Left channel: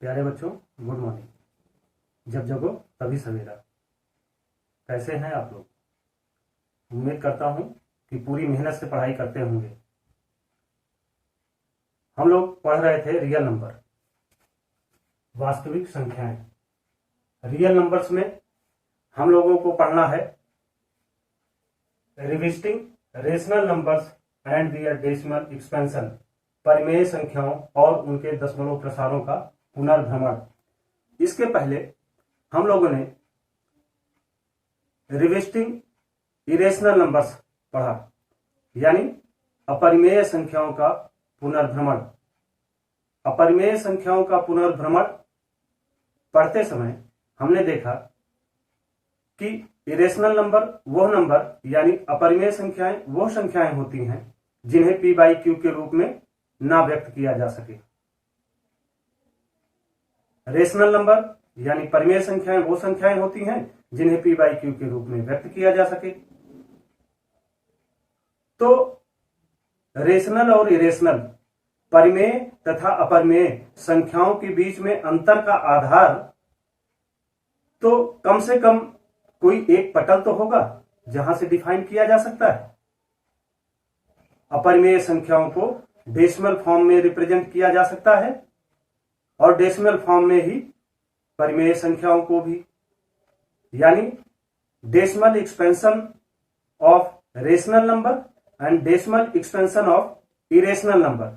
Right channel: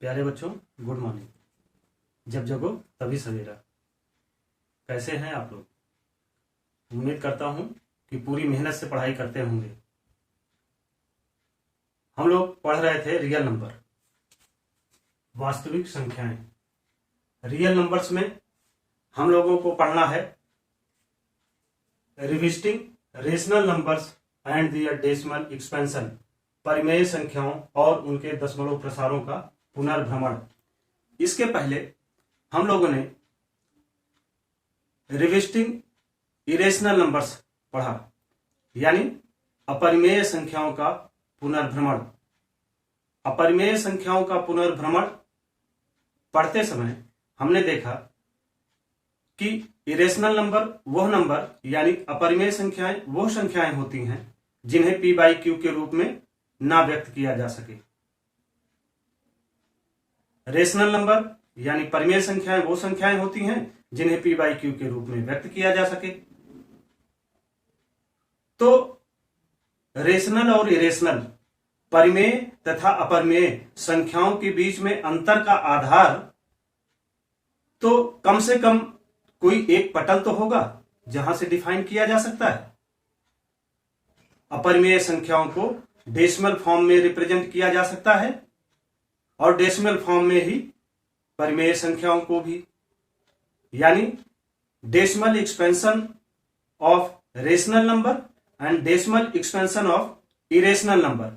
प्यारे बच्चों, good morning. जब जगो तभी सवेरा। कैसे हैं आप लोग? उम्मीद करता हूं कि पूरी मेहनत से पढ़ाई करते होंगे। हम लोग पढ़ रहे थे रियल नंबर, वास्तविक संख्याएं। रियल नंबर्स में हम लोगों को पढ़ना है revisiting rational numbers and their decimal expansion, परिमेय संख्याओं और उनके दशमलव प्रसारों का पुनर्भ्रमण। इसके पहले हम लोगों ने रिविजिटिंग इरेशनल नंबर्स पढ़ा, यानी अपरिमेय संख्याओं का पुनर्भ्रमण। अपरिमेय संख्याओं का पुनर्भ्रमण पढ़ते समय हमने देखा कि इरेशनल नंबर वह नंबर यानी अपरिमेय संख्याएं वो संख्याएं होती हैं जिन्हें p बाई क्यू के रूप में ना व्यक्त किया जा सके। रेशनल नंबर यानी परिमेय संख्याएं वो संख्याएं होती हैं जिन्हें p बाई क्यू के रूप में व्यक्त किया जा सके। तो रेशनल और इरेशनल, परिमेय तथा अपरिमेय संख्याओं के बीच में अंतर का आधार तो कम से कम कोई एक पटल तो होगा जहां से डिफाइन किया जा सकता है। अपरिमेय संख्याओं को डेसिमल फॉर्म में रिप्रेजेंट किया जा सकता है और डेसिमल फॉर्म में ही परिमेय संख्याओं को भी, यानी decimal expansion of rational number and decimal expansion of irrational number.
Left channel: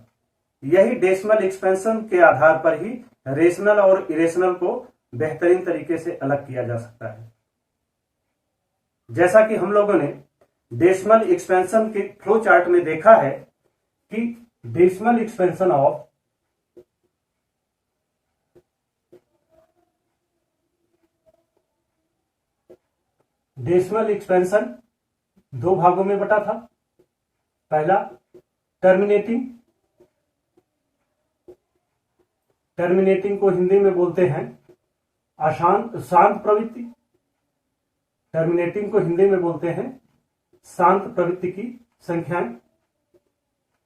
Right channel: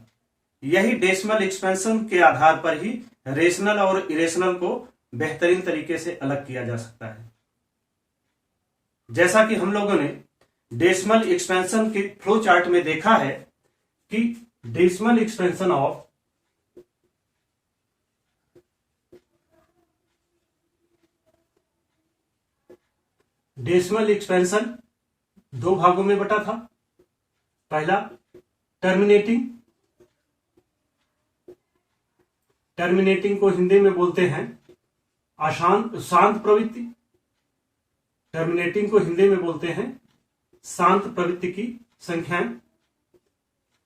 यही डेसिमल एक्सपेंशन के आधार पर ही रेशनल और इरेशनल को बेहतरीन तरीके से अलग किया जा सकता है। जैसा कि हम लोगों ने डेसिमल एक्सपेंशन के फ्लो चार्ट में देखा है कि decimal expansion of decimal expansion दो भागों में बटा था। पहला टर्मिनेटिंग, टर्मिनेटिंग को हिंदी में बोलते हैं शांत प्रवृत्ति। टर्मिनेटिंग को हिंदी में बोलते हैं शांत प्रवृत्ति की संख्याएं।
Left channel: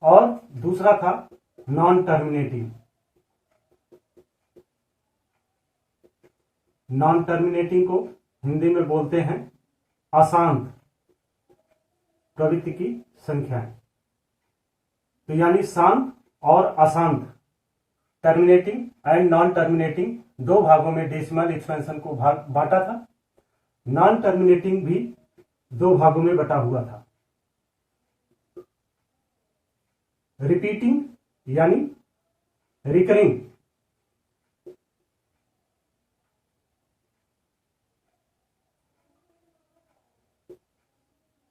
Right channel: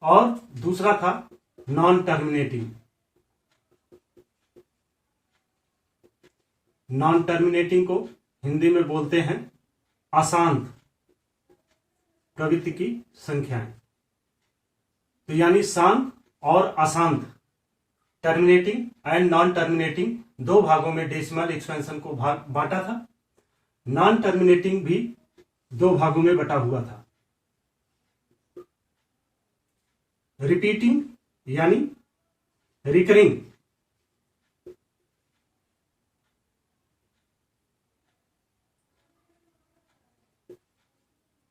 और दूसरा था नॉन टर्मिनेटिंग। नॉन टर्मिनेटिंग को हिंदी में बोलते हैं अशांत प्रवृत्ति की संख्याएं। तो यानी शांत और अशांत, टर्मिनेटिंग एंड नॉन टर्मिनेटिंग दो भागों में डेसिमल एक्सपेंशन को बांटा था। नॉन टर्मिनेटिंग भी दो भागों में बटा हुआ था। रिपीटिंग यानी रिकरिंग,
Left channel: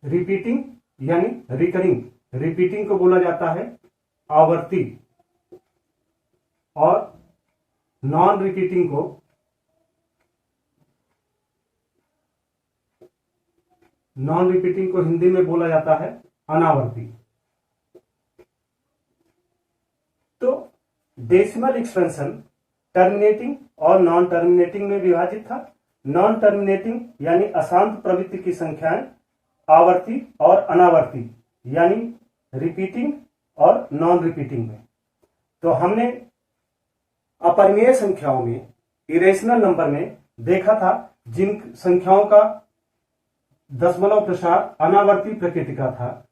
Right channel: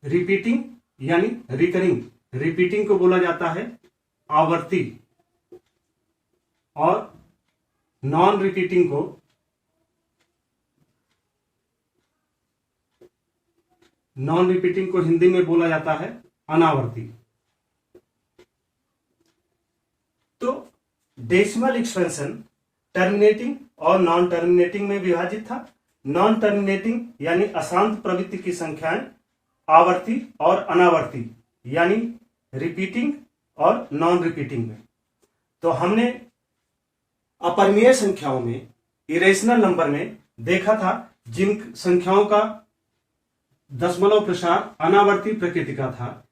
रिपीटिंग यानी रिकरिंग। रिपीटिंग को बोला जाता है आवर्ती और नॉन रिपीटिंग को हिंदी में बोला जाता है अनावर्ती। तो डेसिमल एक्सपेंशन टर्मिनेटिंग और नॉन टर्मिनेटिंग में विभाजित था। नॉन टर्मिनेटिंग यानी अशांत प्रवृत्ति की संख्याएं आवर्ती और अनावर्ती यानी रिपीटिंग और नॉन रिपीटिंग में। तो हमने अपरिमेय संख्याओं में, इरेशनल नंबर में देखा था जिन संख्याओं का दशमलव प्रसार अनावर्ती प्रकृति का था।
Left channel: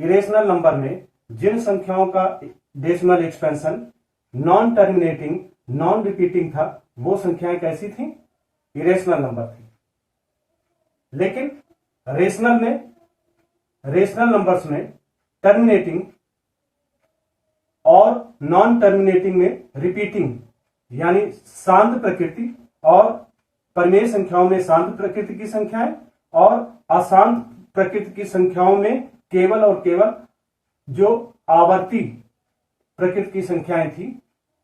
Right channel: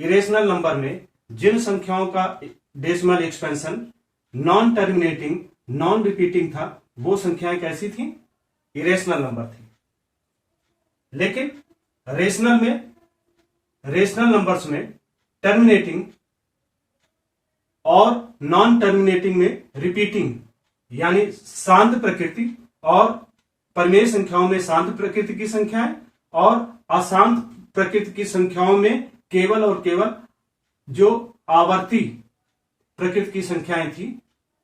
इरेशनल नंबर में जिन संख्याओं का decimal expansion non terminating, non repeating था, वो संख्याएं कैसी थी? इरेशनल नंबर थी। लेकिन रेशनल नंबर्स में टर्मिनेटिंग और नॉन टर्मिनेटिंग में रिपीटिंग यानी शांत प्रकृति, और परिमेय संख्याओं में शांत प्रकृति की संख्याएं और अशांत प्रकृति की संख्याओं में केवल और केवल जो आवर्ती प्रकृति की संख्याएं थी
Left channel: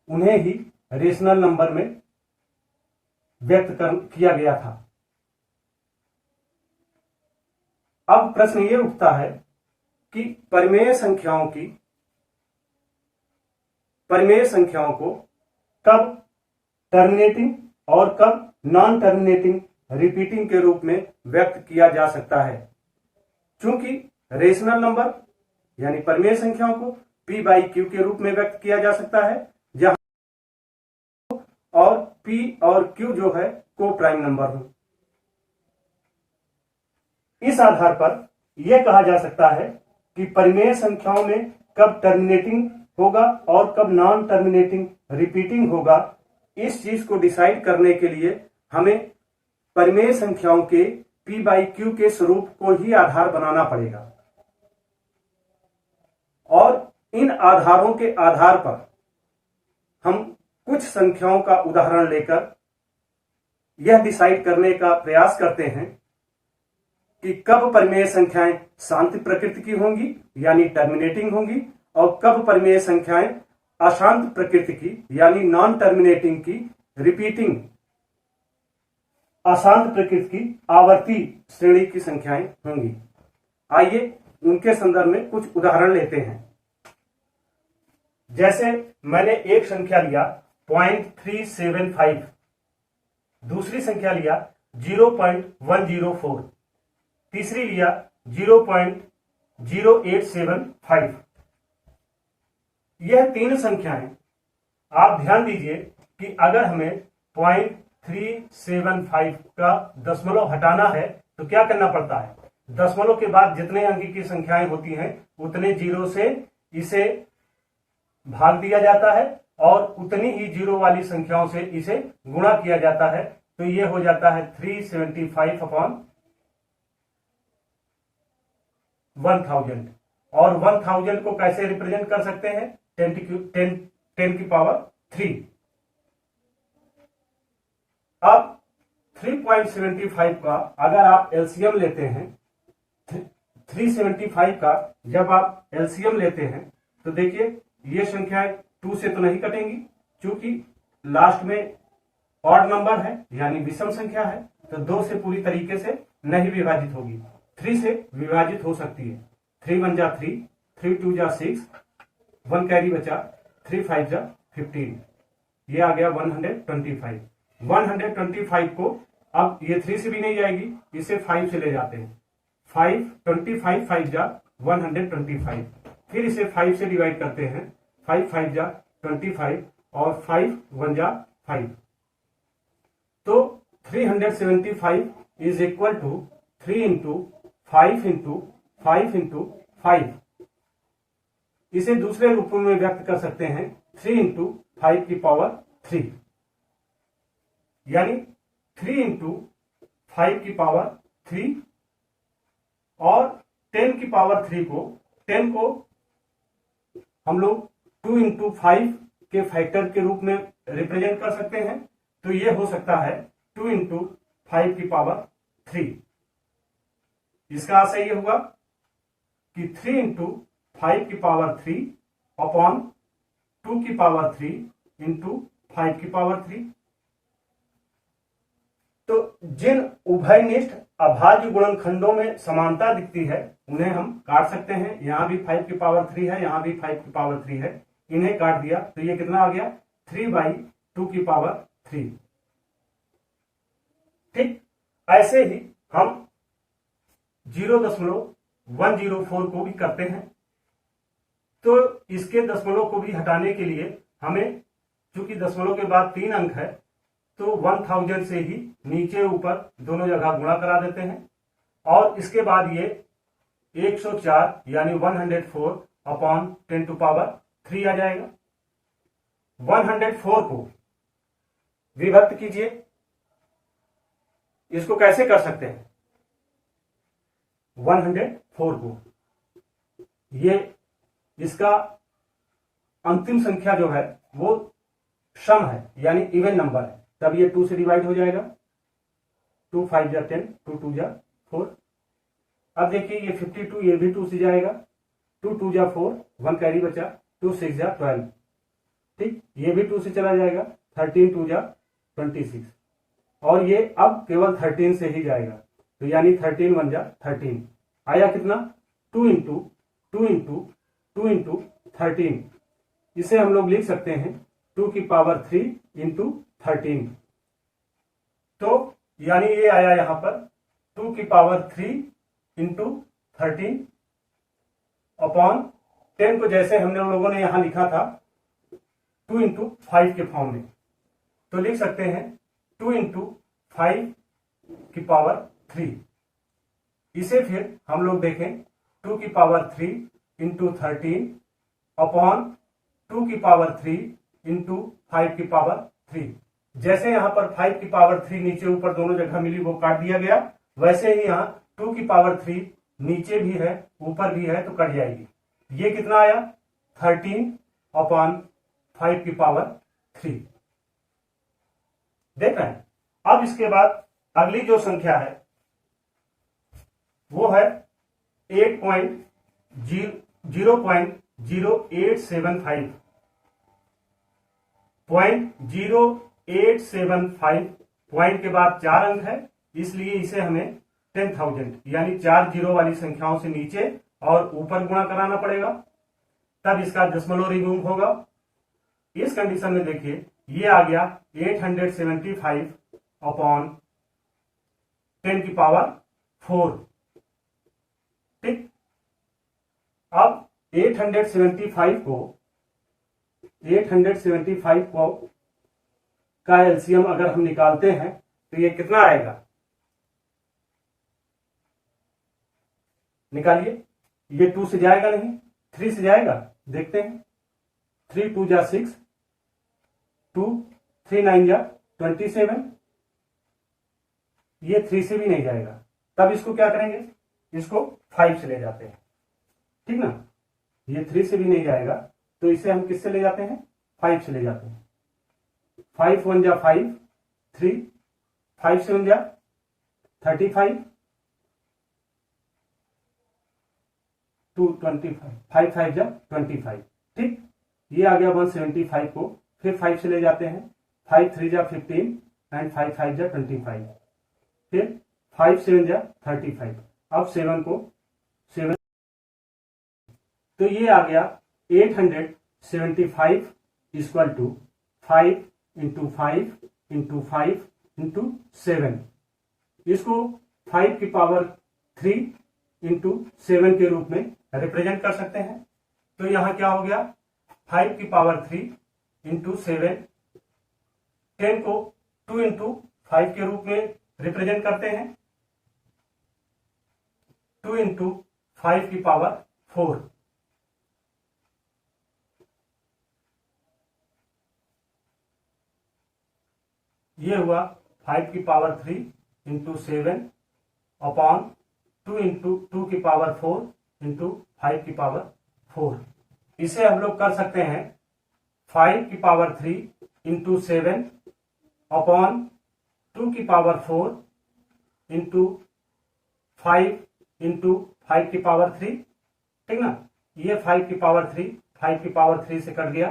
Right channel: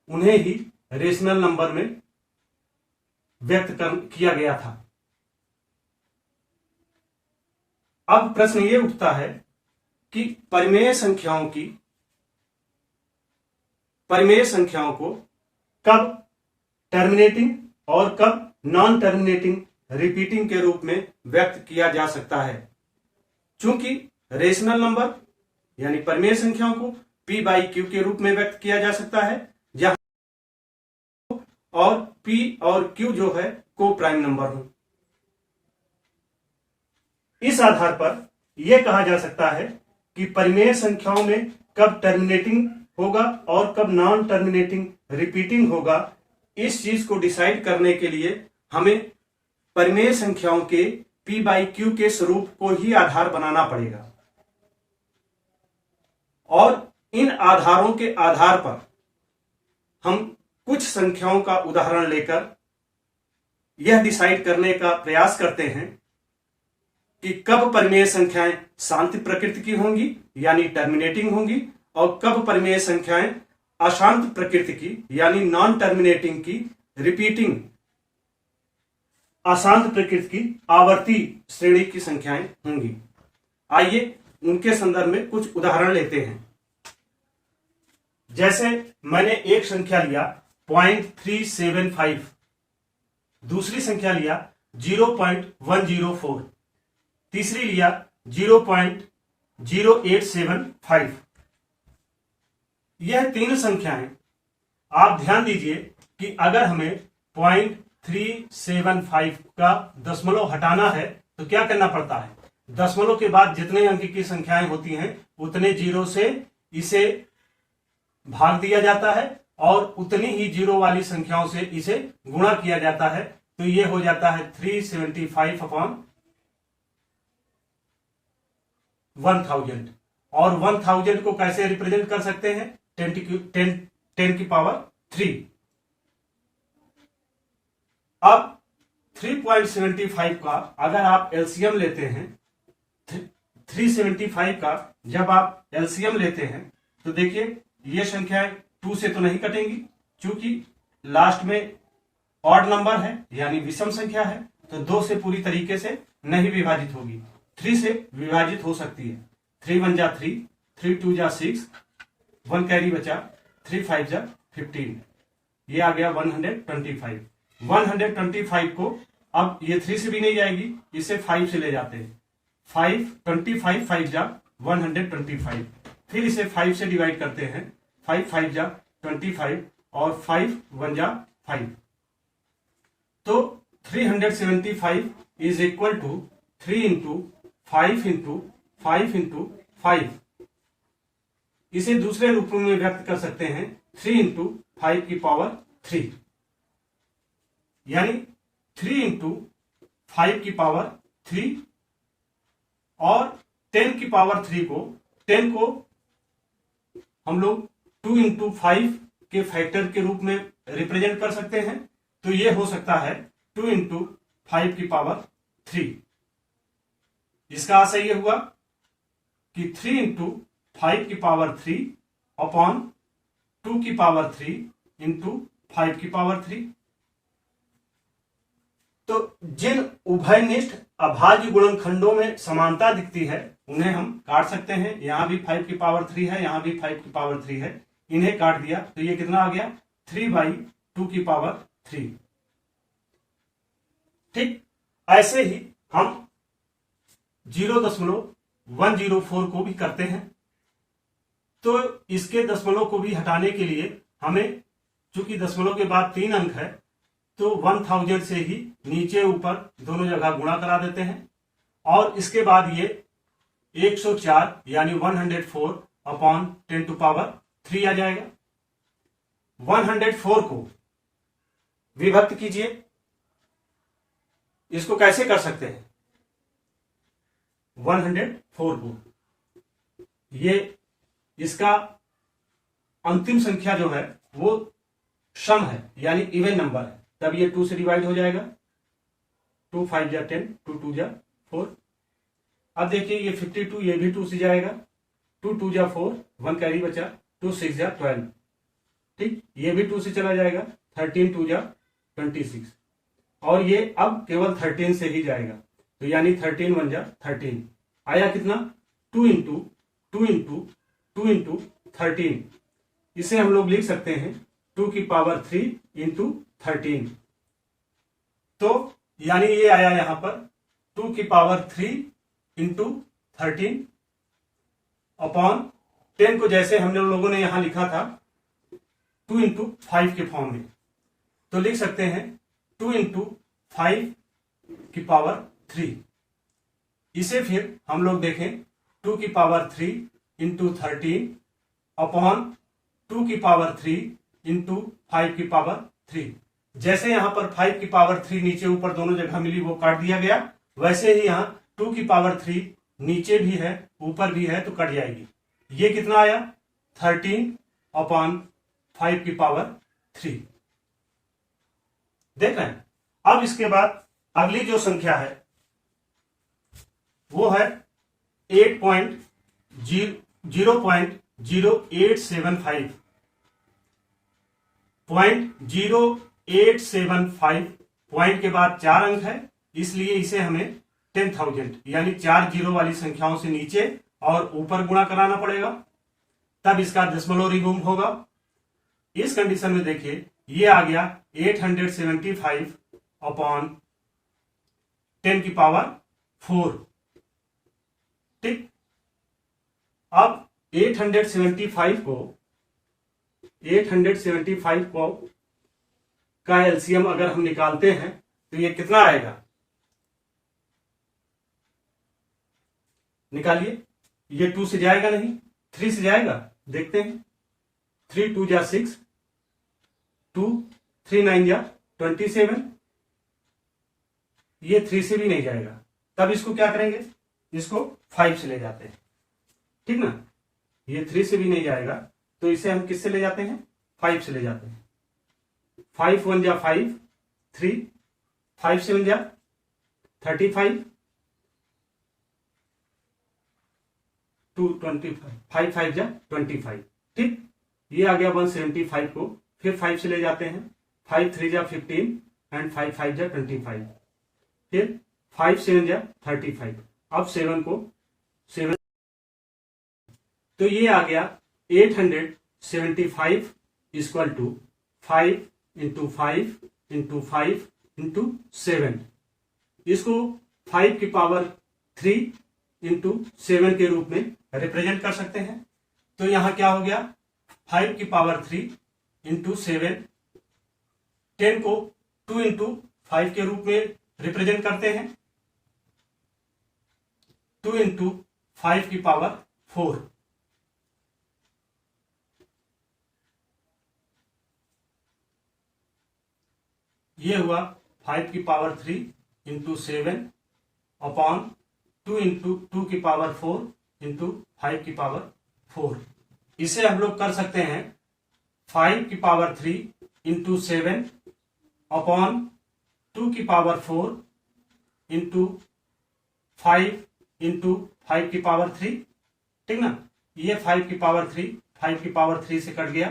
उन्हें ही रेशनल नंबर में व्यक्त किया गया था। अब प्रश्न ये उठता है कि परिमेय संख्याओं को कब टर्मिनेटिंग और कब नॉन टर्मिनेटिंग रिपीटिंग के रूप में व्यक्त किया जा सकता है। चूंकि रेशनल नंबर यानी परिमेय संख्याओं को p बाई क्यू के रूप में व्यक्त किया जा सकता है, जहां और p और q जो है को प्राइम नंबर हो। इस आधार पर यह कहा जा सकता है कि परिमेय संख्याओं में कब टर्मिनेटिंग होगा और कब नॉन टर्मिनेटिंग रिपीटिंग होगा, इस चीज को डिसाइड करने के लिए हमें परिमेय संख्याओं के p बाई क्यू के स्वरूप को ही आधार बनाना पड़ेगा और इन आधारों के आधार पर हम कुछ संख्याओं का उदाहरण लेकर यह डिसाइड करने का प्रयास करते हैं कि कब परिमेय संख्याएं शांत प्रकृति की होंगी यानी टर्मिनेटिंग होंगी और कब परिमेय संख्याएं अशांत प्रकृति की यानी नॉन टर्मिनेटिंग की रिपीटिंग अशांत प्रकृति की आवर्ती श्रेणी की संख्याएं होंगी। आइए उनके संदर्भ में कुछ उदाहरण लेते हैं। जैसे मैंने एक संख्या लिया 0.375, दूसरी संख्या लिया 0.104, तीसरी लिया 0.0875। यह तीन संख्याएं, आप ध्यान दीजिए कि अगर हमें 0.375 का दशमलव हटाना है तो क्या करना पड़ता है, दशमलव के बाद जितने अंक की संख्याएं होती हैं उतने जीरो से इसे भाग दिया जाता है और उतनी ही जीरो वाली संख्याओं से इसे गुणा किया जाता है, तो यह हो जाता है 375 अपॉन 1000। और 1000 को कैसे रिप्रेजेंट कर सकते हैं, 10 की पावर 3। अब 3.75 का अगर आप एलसीएम लेते हैं, 375 का जब आप एलसीएम लेते हैं तो देखिए ये संख्याएं 2 से तो नहीं कटेंगी, क्योंकि लास्ट में ऑड नंबर है यानी विषम संख्या है, तो 2 से पूरी तरीके से नहीं विभाजित होगी, 3 से विभाजित हो सकती है। 3 1 जा 3, 3 2 जा 6, 1 कैरी बचा, 3 5 जा 15, ये आ गया 125। 125 को अब ये 3 से भी नहीं जाएगी, इसे 5 से ले जाते हैं, 25 5 जा 125, फिर इसे 5 से डिवाइड करते हैं, 5 5 जा 25 और 5 1 जा 5, तो 375 is equal to 3 into 5 into 5 into 5। इसे दूसरे रूप में व्यक्त कर सकते हैं 3 इंटू 5 की पावर 3, यानी 3 इंटू 5 की पावर 3 और 10 की पावर 3 को 10 को हम लोग 2 इंटू 5 के फैक्टर के रूप में रिप्रेजेंट कर सकते हैं, तो ये हो सकता है 2 इंटू 5 की पावर 3। इसका आशय ये हुआ कि 3 इंटू 5 की पावर 3 अपॉन 2 की पावर 3 इंटू 5 की पावर 3। तो जिन उभयनिष्ठ अभाज्य गुणनखंडों में समानता दिखती है उन्हें हम काट सकते हैं। यहां भी 5 की पावर 3 है, यहां भी 5 की पावर 3 है, इन्हें काट दिया तो ये कितना आ गया 3/2 की पावर 3। ठीक ऐसे ही हम 0.104 को भी करते हैं, तो इसके दशमलव को भी हटाने के लिए हमें, चूंकि दशमलव के बाद 3 अंक है, तो 1000 से ही नीचे ऊपर दोनों जगह गुणा करा देते हैं और इसके बाद ये 104 यानी 104 अपॉन 10 टू पावर 3 आ जाएगा। 104 को विभक्त कीजिए, इसको कैसे कर सकते हैं, 104 को, ये इसका अंतिम संख्या जो है वो सम है यानी इवन नंबर है, तब ये 2 से डिवाइड हो जाएगा, 2 5 जा 10, 2 2 जा 4। अब देखिए ये 52, ये भी 2 से जाएगा, 2 2 जा 4, 1 कैरी बचा, 2 6 जा 12। ठीक, ये भी 2 से चला जाएगा, 13 2 जा 26 और ये अब केवल 13 से ही जाएगा, तो यानी 13 1 जा 13 आया कितना 2 इंटू 2 इंटू 2 इंटू 13। इसे हम लोग लिख सकते हैं 2 की पावर 3 इंटू 13। तो यानी ये आया यहां पर 2 की पावर 3 इंटू 13 अपॉन 10 को जैसे हमने लोगों ने यहां लिखा था 2 इंटू 5 के फॉर्म में। तो लिख सकते हैं 2 इंटू 5 की पावर 3। इसे फिर हम लोग देखें 2 की पावर 3 इंटू 13 अपॉन 2 की पावर 3 इंटू 5 की पावर 3। जैसे यहां पर 5 की पावर 3 नीचे ऊपर दोनों जगह मिली वो काट दिया गया, वैसे ही यहां 2 की पावर 3 नीचे भी है ऊपर भी है तो कट जाएगी। ये कितना आया 13 अपॉन 5 की पावर 3। देख रहे हैं। अब इसके बाद अगली जो संख्या है वो है 0.0875 0.0875 पॉइंट के बाद 4 अंक है, इसलिए इसे हमें 10,000 यानी 4 जीरो वाली संख्याओं से नीचे और ऊपर गुणा कराना पड़ेगा, तब इसका दशमलव रिमूव होगा। इस कंडीशन में देखिए ये आ गया 875 अपॉन 10 की पावर 4। ठीक, अब 875 को का एलसीएम अगर हम निकालते हैं तो ये कितना आएगा, निकालिए। ये 2 से जाएगा नहीं, 3 से जाएगा, देखते हैं। 3 2 जा 6, 2 3 9 जा 27, ये 3 से भी नहीं जाएगा, तब इसको क्या करेंगे, इसको 5 से ले जाते हैं। ठीक ना, ये 3 से भी नहीं जाएगा तो इसे हम किससे ले जाते हैं, 5 से ले जाते हैं। 5 1 जा 5, 3 5 7 जा 35, 2 25, 5 5 जा 25। ठीक, ये आ गया 175 को फिर 5 से ले जाते हैं। 5 3 जा 15 एंड 5 5 जा 25, फिर 5 7 जा 35। अब 7 को 7, तो ये आ गया 875 equal to 5 into 5 into 5 into 7। इसको 5 की पावर 3 इंटू 7 के रूप में रिप्रेजेंट कर सकते हैं। तो यहां क्या हो गया, 5 की पावर 3 इंटू 7, 10 को 2 इंटू 5 के रूप में रिप्रेजेंट करते हैं, 2 इंटू 5 की पावर 4। ये हुआ 5 की पावर 3 इंटू 7 अपॉन 2 इंटू 2 की पावर 4 इंटू 5 की पावर 4। इसे हम लोग कर सकते हैं 5 की पावर 3 इंटू 7 अपॉन 2 की पावर 4 इंटू 5 इंटू 5 की पावर 3। ठीक ना, ये 5 की पावर 3 5 की पावर 3 से कट गया,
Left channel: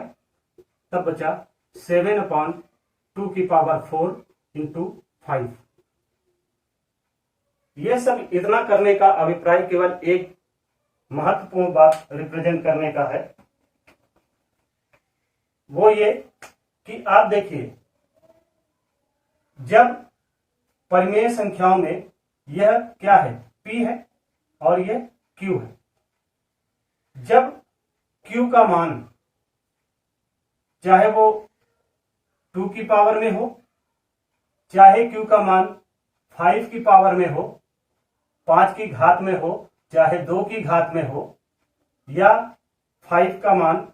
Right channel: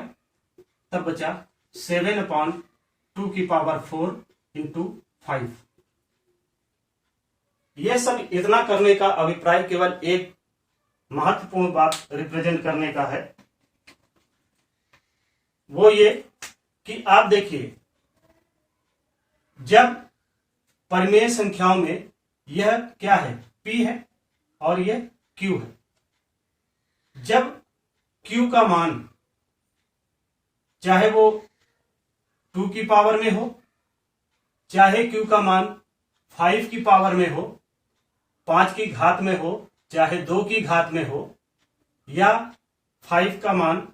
तब बचा 7 अपॉन 2 की पावर 4 इंटू 5। यह सब इतना करने का अभिप्राय केवल एक महत्वपूर्ण बात रिप्रेजेंट करने का है, वो ये कि आप देखिए जब परिमेय संख्याओं में यह क्या है, P है और यह Q है। जब Q का मान चाहे वो 2 की पावर में हो, चाहे Q का मान 5 की पावर में हो, 5 की घात में हो, चाहे 2 की घात में हो, या 5 का मान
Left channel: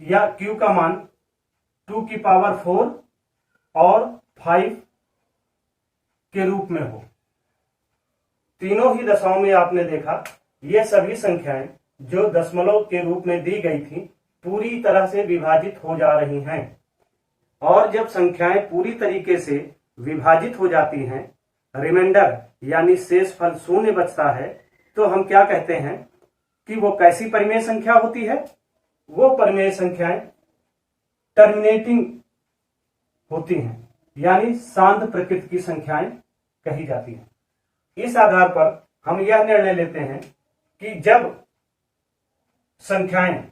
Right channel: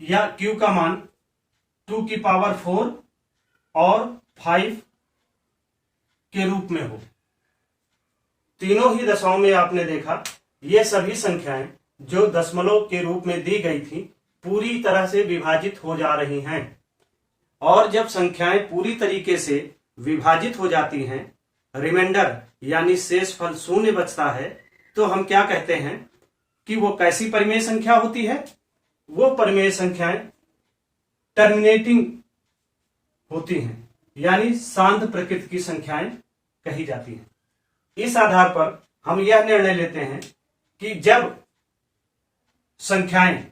या Q का मान 2 की पावर 4 और 5 के रूप में हो, तीनों ही दशाओं में आपने देखा ये सभी संख्याएं जो दशमलव के रूप में दी गई थी पूरी तरह से विभाजित हो जा रही हैं। और जब संख्याएं पूरी तरीके से विभाजित हो जाती हैं, रिमाइंडर यानी शेषफल शून्य बचता है, तो हम क्या कहते हैं कि वो कैसी परिमेय संख्या होती है, वो परिमेय संख्याएं टर्मिनेटिंग होती हैं, यानी शांत प्रकृति की संख्याएं कही जाती हैं। इस आधार पर हम यह निर्णय लेते हैं कि जब संख्याएं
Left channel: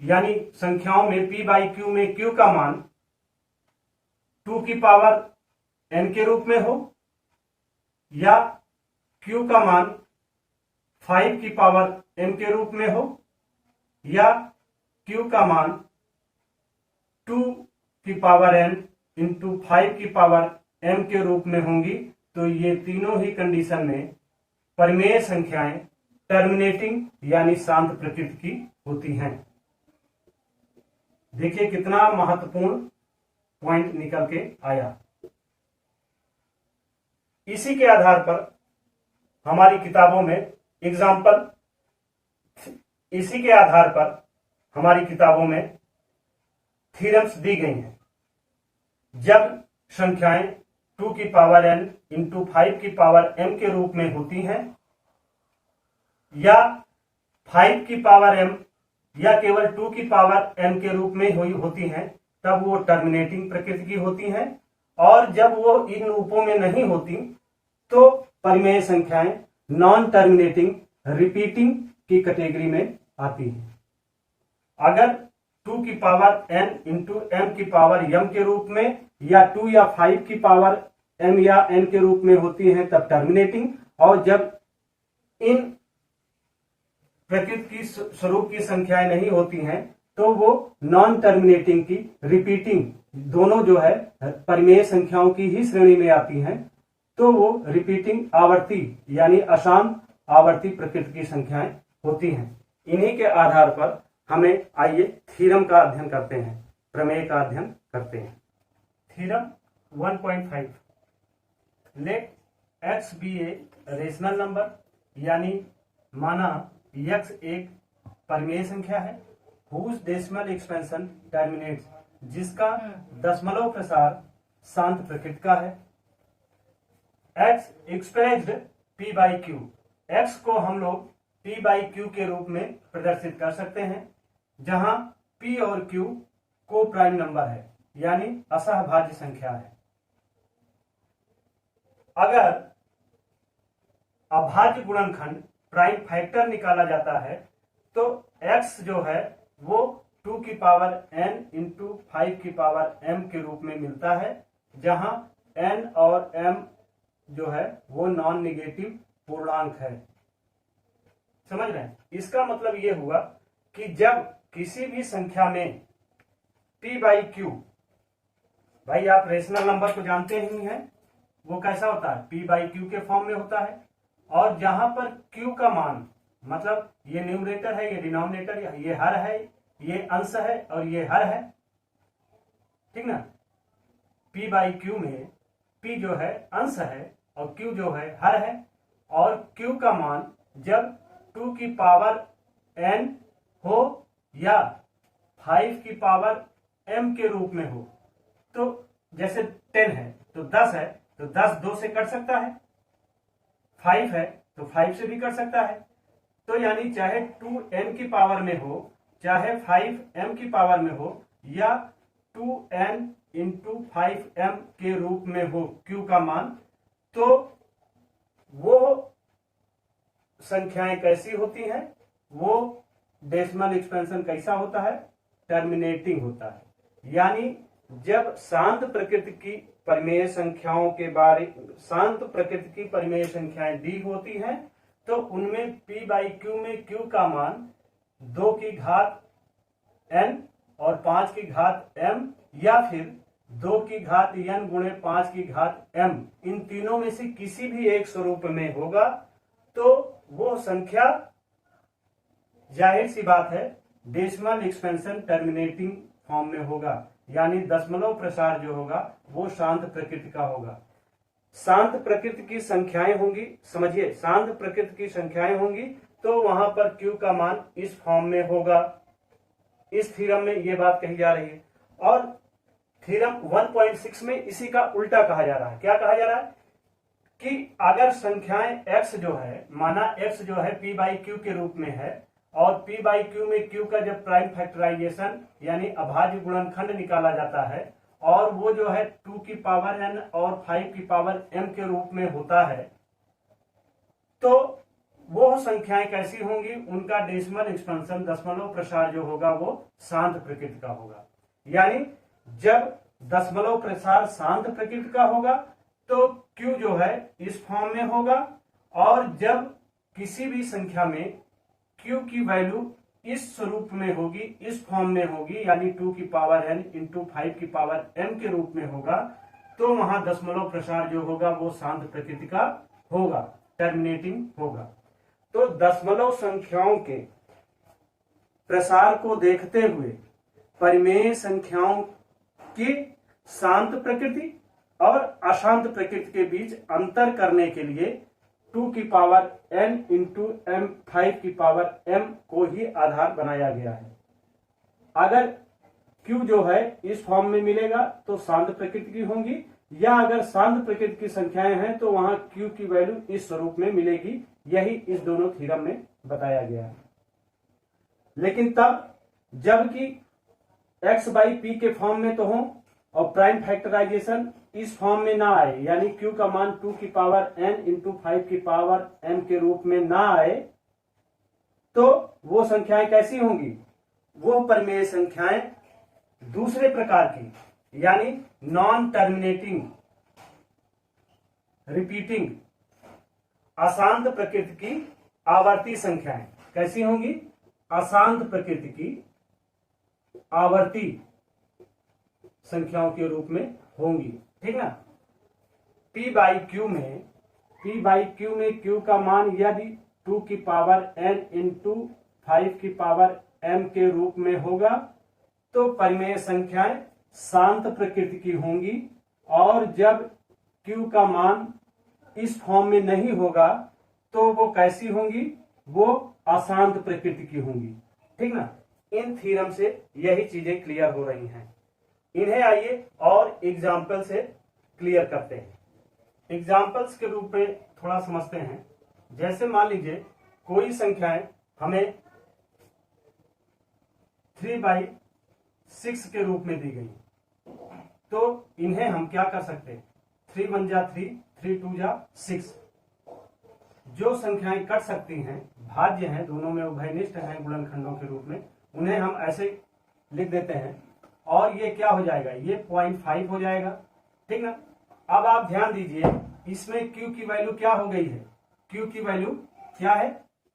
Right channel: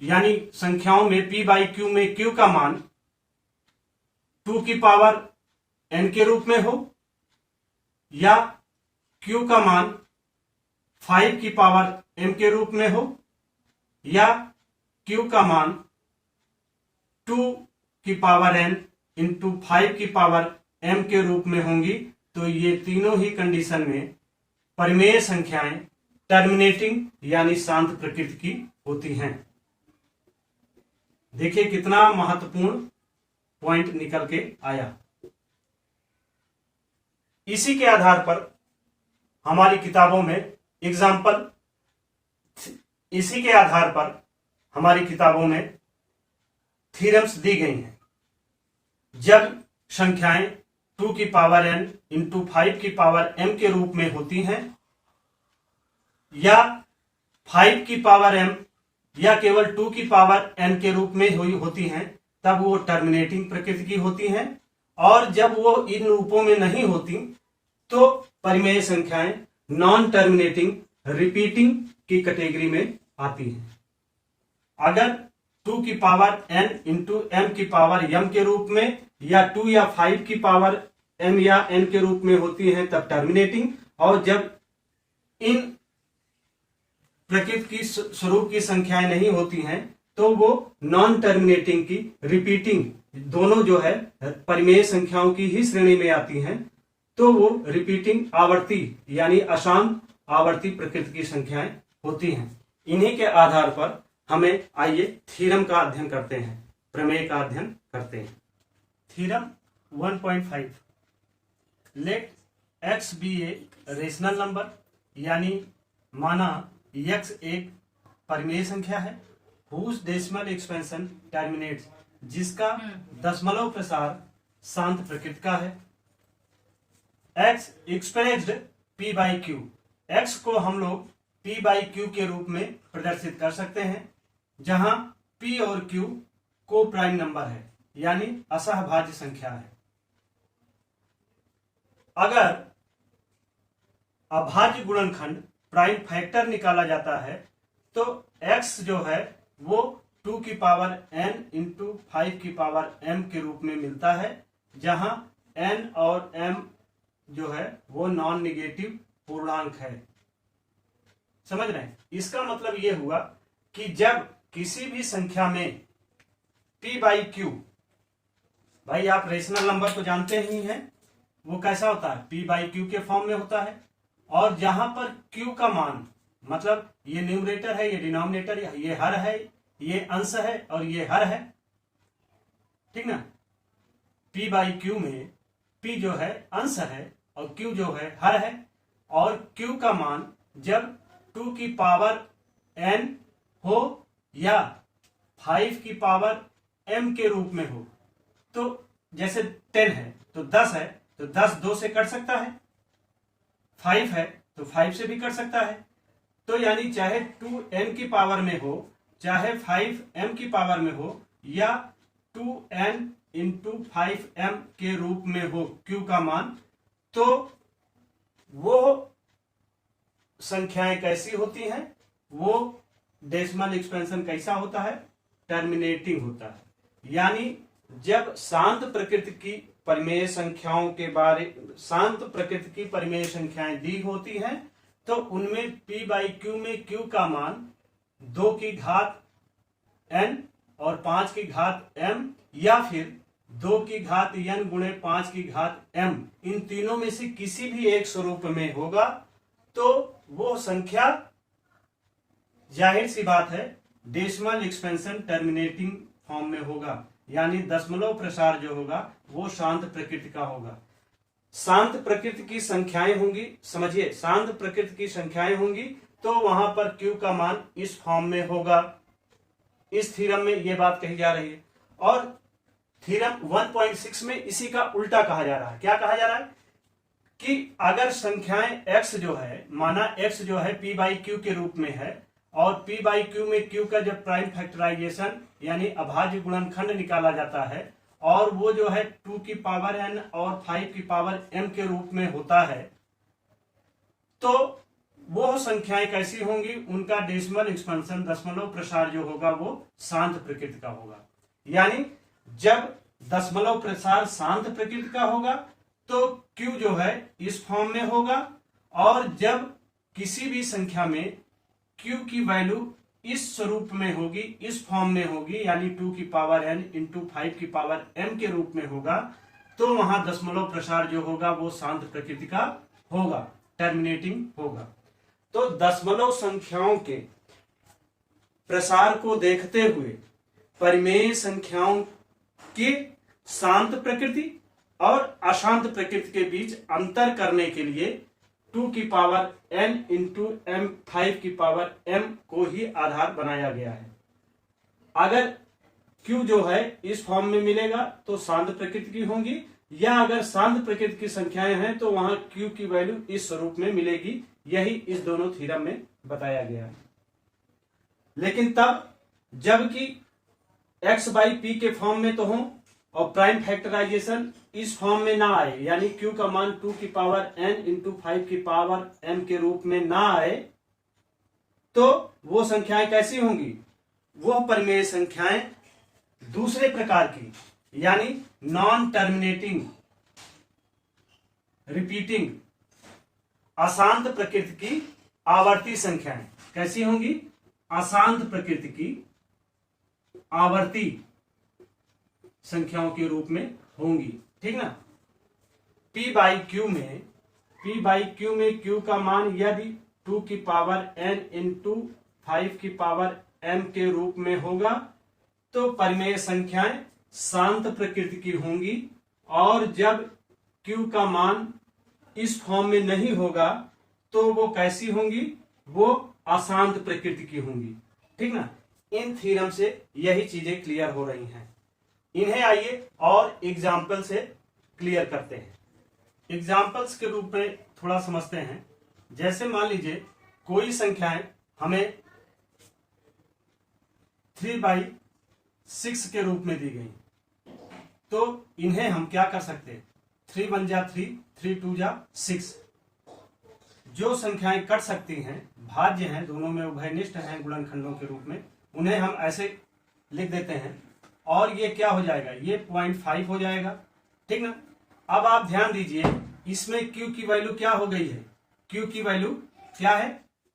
यानी संख्याओं में P बाई Q में Q का मान 2 की पावर n के रूप में हो, या Q का मान 5 की पावर m के रूप में हो, या Q का मान 2 की पावर n इंटू 5 की पावर m के रूप में होंगी, तो ये तीनों ही कंडीशन में परिमेय संख्याएं टर्मिनेटिंग यानी शांत प्रकृति की होती हैं। देखिए कितना महत्वपूर्ण पॉइंट निकल के आया। इसी के आधार पर हमारी किताबों में एग्जाम्पल, इसी के आधार पर हमारी किताबों में थ्योरम्स दी गई हैं। जब संख्याएं 2 की पावर n इंटू 5 की पावर m के रूप में होती हैं, या 5 की पावर m या केवल 2 की पावर n के रूप में होती हैं, तब वो टर्मिनेटिंग प्रकृति की होती हैं। और जब वो इन रूपों में नहीं होती तो परिमेय संख्याएं नॉन टर्मिनेटिंग रिपीटिंग की कैटेगरी में आती हैं। अगर 2 की पावर n इंटू m की पावर m के रूप में या 2 या 5 की पावर m या n के रूप में होती हैं तब टर्मिनेटिंग, और जब इन प्रकृति की स्वरूप की संख्याएं नहीं होती हैं तो वो नॉन टर्मिनेटिंग की रिपीटिंग, दोनों जो है परिमेय संख्याओं की ही श्रेणी में आती हैं, तो वो रिपीटिंग आवर्ती यानी अशांत आवर्ती प्रकृति की संख्याएं होती हैं। इन्हीं के आधार पर हमें आइए थ्योरम का अध्ययन करते हैं, प्रमेय का अध्ययन करते हैं। Theorem 1.5, let x be a rational number, यानी माना x एक परिमेय संख्या है, whose decimal expansion terminates, जिसका दशमलव प्रसार शांत प्रकृति का है। x expressed p by Q, x को हम लोग p बाई क्यू के रूप में प्रदर्शित कर सकते हैं, जहां p और q को प्राइम नंबर है यानी असहभाज्य संख्या है। अगर अभाज्य गुणनखंड प्राइम फैक्टर निकाला जाता है तो x जो है वो 2 की पावर n इंटू 5 की पावर m के रूप में मिलता है, जहां n और m जो है वो नॉन निगेटिव पूर्णांक है। समझ रहे हैं? इसका मतलब ये हुआ कि जब किसी भी संख्या में p बाई क्यू, भाई आप रेशनल नंबर को जानते ही हैं, वो कैसा होता है, p बाई क्यू के फॉर्म में होता है, और जहां पर q का मान, मतलब ये न्यूमरेटर है, ये डिनोमिनेटर, ये हर है, ये अंश है और ये हर है, ठीक ना। p बाई क्यू में p जो है अंश है और q जो है हर है, और q का मान जब 2 की पावर n हो या 5 की पावर m के रूप में हो, तो जैसे 10 है तो 10 है तो 10 2 से कट सकता है, 5 है तो 5 से भी कट सकता है, तो यानी चाहे 2n की पावर में हो चाहे 5m की पावर में हो या 2n इंटू 5m के रूप में हो q का मान, तो वो संख्याएं कैसी होती हैं, वो डेसिमल एक्सपेंशन कैसा होता है, टर्मिनेटिंग होता है। यानी जब शांत प्रकृति की परिमेय संख्याओं के बारे, शांत प्रकृति की परिमेय संख्याएं दी होती हैं तो उनमें p बाई क्यू में q का मान 2 की घात n और 5 की घात m या फिर 2 की घात n गुणे 5 की घात m, इन तीनों में से किसी भी एक स्वरूप में होगा, तो वो संख्या जाहिर सी बात है डेसिमल एक्सपेंशन टर्मिनेटिंग फॉर्म में होगा, यानी दशमलव प्रसार जो होगा वो शांत प्रकृति का होगा। शांत प्रकृति की संख्याएं होंगी, समझिए शांत प्रकृति की संख्याएं होंगी तो वहां पर q का मान इस फॉर्म में होगा। इस थ्योरम में ये बात कही जा रही है, और थ्योरम 1.6 में इसी का उल्टा कहा जा रहा है। क्या कहा जा रहा है कि अगर संख्याएं x जो है, माना x जो है p बाई क्यू के रूप में है, और p बाई क्यू में q का जब प्राइम फैक्टराइजेशन यानी अभाज्य गुणनखंड निकाला जाता है और वो जो है 2 की पावर n और 5 की पावर m के रूप में होता है, तो वो संख्याएं कैसी होंगी, उनका डेसिमल एक्सपेंशन दशमलव प्रसार जो होगा वो शांत प्रकृति का होगा। यानी जब दशमलव प्रसार शांत प्रकृति का होगा तो q जो है इस फॉर्म में होगा, और जब किसी भी संख्या में q की वैल्यू इस स्वरूप में होगी, इस फॉर्म में होगी, यानी 2 की पावर n इंटू 5 की पावर m के रूप में होगा, तो वहां दशमलव प्रसार जो होगा वो शांत प्रकृति का होगा, टर्मिनेटिंग होगा। तो दशमलव संख्याओं के प्रसार को देखते हुए परिमेय संख्याओं की शांत प्रकृति और अशांत प्रकृति के बीच अंतर करने के लिए 2 की पावर n इंटू m 5 की पावर m को ही आधार बनाया गया है। अगर q जो है इस फॉर्म में मिलेगा तो शांत प्रकृति की होंगी, या अगर शांत प्रकृति की संख्याएं हैं तो वहां q की वैल्यू इस स्वरूप में मिलेगी। यही इस दोनों थ्योरम में बताया गया है। लेकिन तब जबकि x बाई पी के फॉर्म में तो हो और प्राइम फैक्टराइजेशन इस फॉर्म में ना आए, यानी q का मान 2 की पावर n इंटू 5 की पावर m के रूप में ना आए, तो वो संख्याएं कैसी होंगी? वो परिमेय संख्याएं दूसरे प्रकार की, यानी नॉन टर्मिनेटिंग रिपीटिंग अशांत प्रकृति की आवर्ती संख्याएं कैसी होंगी? अशांत प्रकृति की आवर्ती संख्याओं के रूप में होंगी। ठीक ना। P बाई क्यू में Q का मान यदि 2 की पावर n इंटू 5 की पावर m के रूप में होगा तो परिमेय संख्याएं शांत प्रकृति की होंगी, और जब Q का मान इस फॉर्म में नहीं होगा तो वो कैसी होंगी? वो अशांत प्रकृति की होंगी। ठीक ना। इन थ्योरम से यही चीजें क्लियर हो रही हैं। इन्हें आइए और एग्जाम्पल से क्लियर करते हैं। एग्जाम्पल्स के रूप में थोड़ा समझते हैं। जैसे मान लीजिए कोई संख्याएं हमें 3/6 के रूप में दी गई, तो इन्हें हम क्या कर सकते हैं? 3 1 जा 3, 3 2 जा 6। जो संख्याएं कट सकती हैं, भाज्य हैं, दोनों में उभयनिष्ठ हैं गुणनखंडों के रूप में, उन्हें हम ऐसे लिख देते हैं, और ये क्या हो जाएगा? ये 0.5 हो जाएगा। ठीक ना। अब आप ध्यान दीजिए, इसमें Q की वैल्यू क्या हो गई है? Q की वैल्यू क्या है?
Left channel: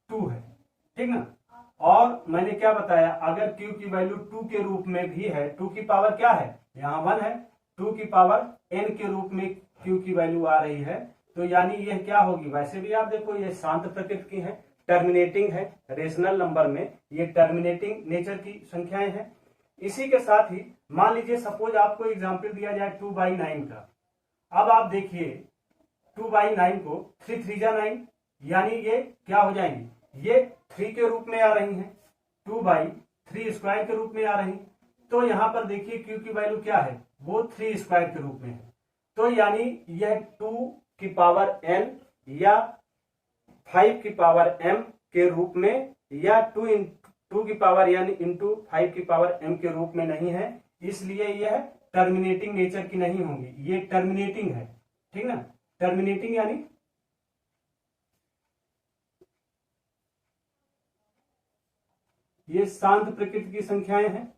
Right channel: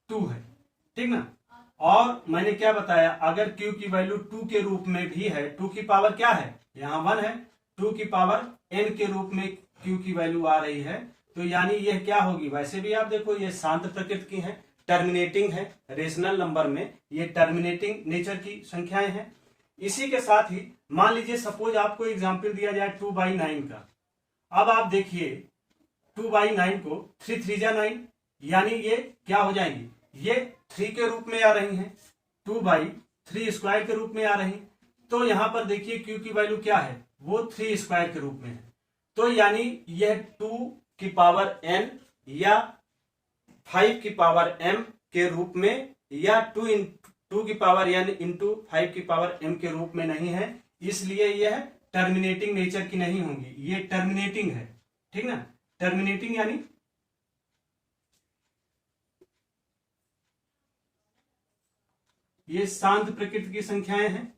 2 है। ठीक ना। और मैंने क्या बताया? अगर Q की वैल्यू 2 के रूप में भी है, 2 की पावर क्या है? यहाँ 1 है, 2 की पावर n के रूप में Q की वैल्यू आ रही है, तो यानी यह क्या होगी? वैसे भी आप देखो ये शांत प्रकृति की है, टर्मिनेटिंग है, रेशनल नंबर में ये टर्मिनेटिंग नेचर की संख्याएं हैं। इसी के साथ ही मान लीजिए सपोज आपको एग्जाम्पल दिया जाए 2/9 का। अब आप देखिए 2/9 को 3 3 जा 9, यानी ये क्या हो जाएंगी? ये 3 के रूप में आ रही हैं, 2/3 स्क्वायर के रूप में आ रही। तो यहां पर देखिए Q की वैल्यू क्या है? वो 3 स्क्वायर के रूप में है। तो यानी यह 2 की पावर n या 5 की पावर m के रूप में, या 2 की पावर n इंटू 5 की पावर m के रूप में नहीं है, इसलिए यह टर्मिनेटिंग नेचर की नहीं होंगी। ये टर्मिनेटिंग है। ठीक ना। टर्मिनेटिंग यानी ये शांत प्रकृति की संख्याएं हैं,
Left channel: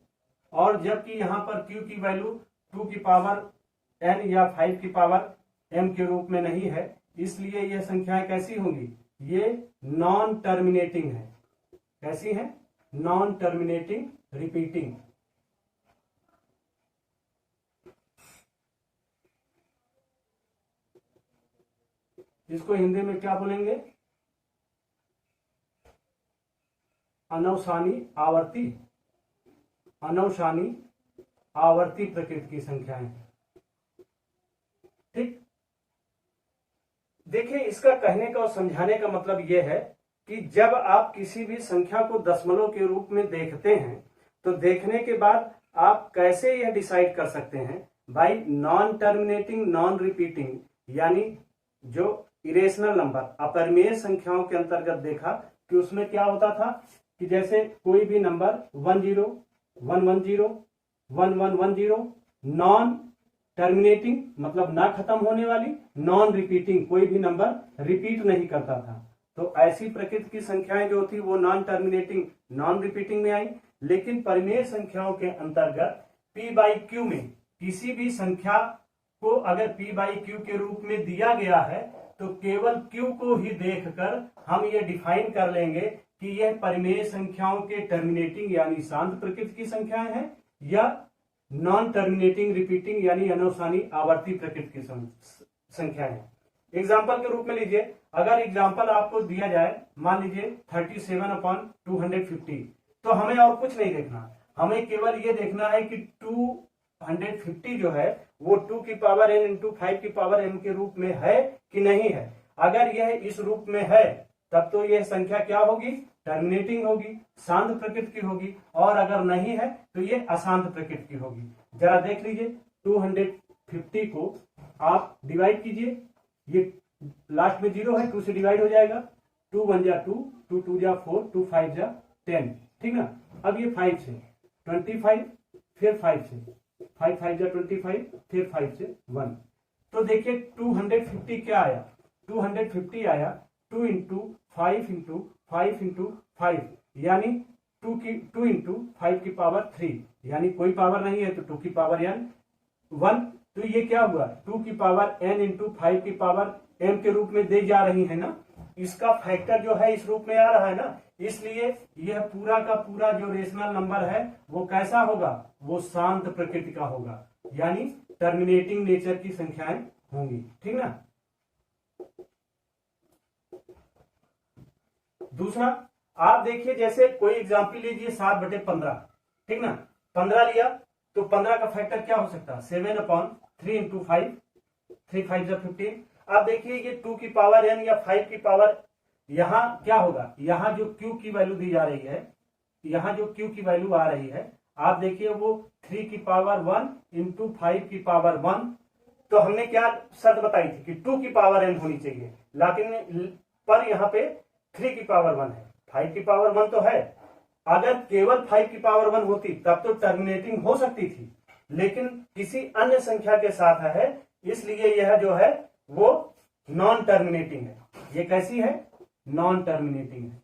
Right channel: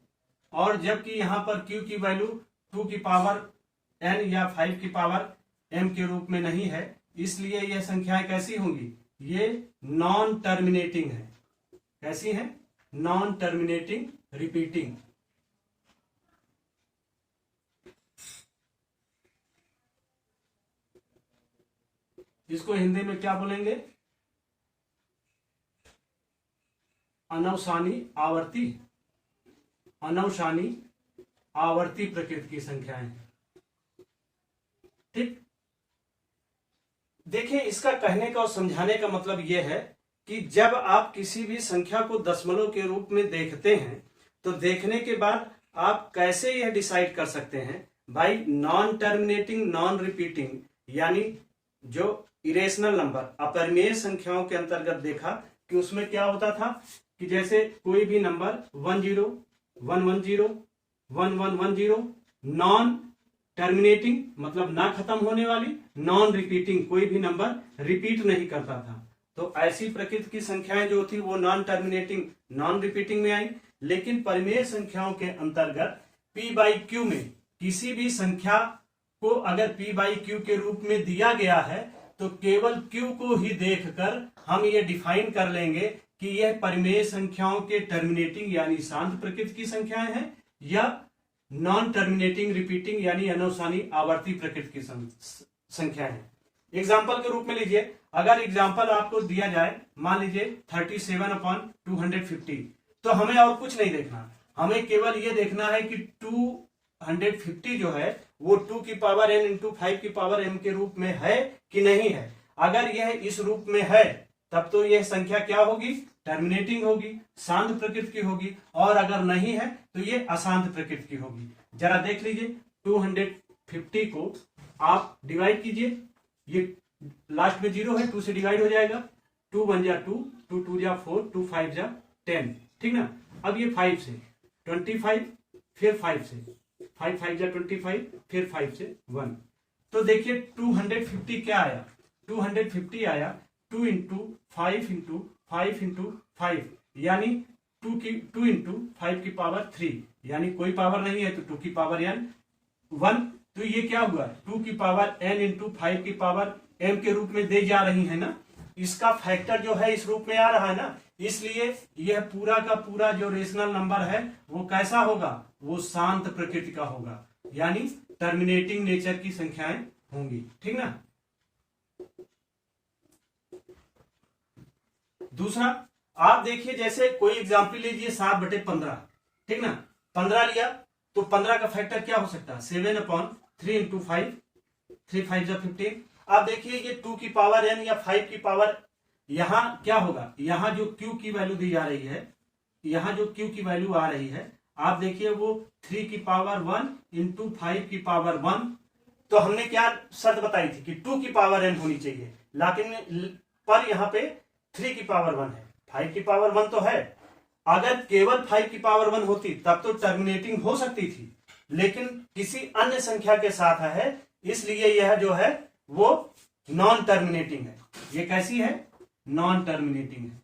और जबकि यहां पर Q की वैल्यू 2 की पावर n या 5 की पावर m के रूप में नहीं है, इसलिए यह संख्याएं कैसी होंगी? ये नॉन टर्मिनेटिंग है। कैसी है? Non terminating repeating. इसको हिंदी में क्या बोलेंगे? अनवसानी आवर्ती, अनवसानी आवर्ती प्रकृति की संख्याएं हैं। ठीक। देखिए, इसका कहने का और समझाने का मतलब यह है कि जब आप किसी भी संख्या को दशमलव के रूप में देखते हैं, तो देखने के बाद आप कैसे यह डिसाइड कर सकते हैं? By non terminating non repeating, यानी जो इरेशनल नंबर अपरिमेय संख्याओं के अंतर्गत देखा कि उसमें क्या होता था कि जैसे कोई भी नंबर 10 110 1110 नॉन टर्मिनेटिंग मतलब ना खत्म होने वाली, नॉन रिपीटिंग कोई भी नंबर रिपीट नहीं करता था। तो ऐसी प्रकृति की संख्याएं जो थी वो नॉन टर्मिनेटिंग नॉन रिपीटिंग में आई। लेकिन परिमेय संख्याओं के अंतर्गत P बाई क्यू में किसी भी संख्या को अगर P बाई क्यू के रूप में दिया गया है तो केवल Q को ही देखकर हम ये डिफाइन कर लेंगे कि यह परिमेय संख्याओं के टर्मिनेटिंग यानी शांत प्रकृति की संख्याएं हैं या नॉन टर्मिनेटिंग रिपीटिंग यानी अनवसानी आवर्ती प्रकृति की संख्याएं हैं। एग्जाम्पल के रूप में लीजिए, अगर एग्जाम्पल आपको दिया जाए, मान लीजिए 37/250, तो हमें और कुछ नहीं देखना, हमें केवल ये देखना है कि 250 जो है वो 2 की पावर n इंटू 5 की पावर m के रूप में है कि नहीं है। अगर यह इस रूप में है तब तो यह संख्या क्या होगी, टर्मिनेटिंग होगी, शांत प्रकृति की होगी, और अगर नहीं है तो ये अशांत प्रकृति की होगी। जरा देख लीजिए, 250 को आप डिवाइड कीजिए, ये लास्ट में 0 है, 2 से डिवाइड हो जाएगा, 2 1 जा 2, 2 2 जा 4, 2 5 जा 10, ठीक ना। अब ये 5 से 25, फिर 5 से 5 5 जा 25, फिर 5 से 1, तो देखिए 250 क्या आया, 250 आया 2 इंटू 5 इंटू 5 इंटू 5 यानी 2 इंटू 5 की पावर 3, यानी कोई पावर नहीं है तो 2 की पावर n 1, तो ये क्या हुआ, 2 की पावर n इंटू 5 की पावर m के रूप में दे जा रही है ना, इसका फैक्टर जो है इस रूप में आ रहा है ना, इसलिए यह पूरा का पूरा जो रेशनल नंबर है वो कैसा होगा, वो शांत प्रकृति का होगा, यानी टर्मिनेटिंग नेचर की संख्याएं होंगी, ठीक ना। दूसरा आप देखिए, जैसे कोई एग्जाम्पल लीजिए 7/15, ठीक ना, 15 लिया तो 15 का फैक्टर क्या हो सकता है, 7/3 इंटू 5, 3 5 जा 15। अब देखिए ये 2 की पावर n या 5 की पावर, यहां क्या होगा, यहां जो q की वैल्यू दी जा रही है, यहां जो q की वैल्यू आ रही है, आप देखिए वो 3 की पावर 1 इंटू 5 की पावर 1, तो हमने क्या शर्त बताई थी कि 2 की पावर n होनी चाहिए, लेकिन पर यहाँ पे 3 की पावर 1 है, 5 की पावर 1 तो है। अगर केवल 5 की पावर 1 होती तब तो टर्मिनेटिंग हो सकती थी, लेकिन किसी अन्य संख्या के साथ है, इसलिए यह जो है वो नॉन टर्मिनेटिंग है। ये कैसी है, नॉन टर्मिनेटिंग है,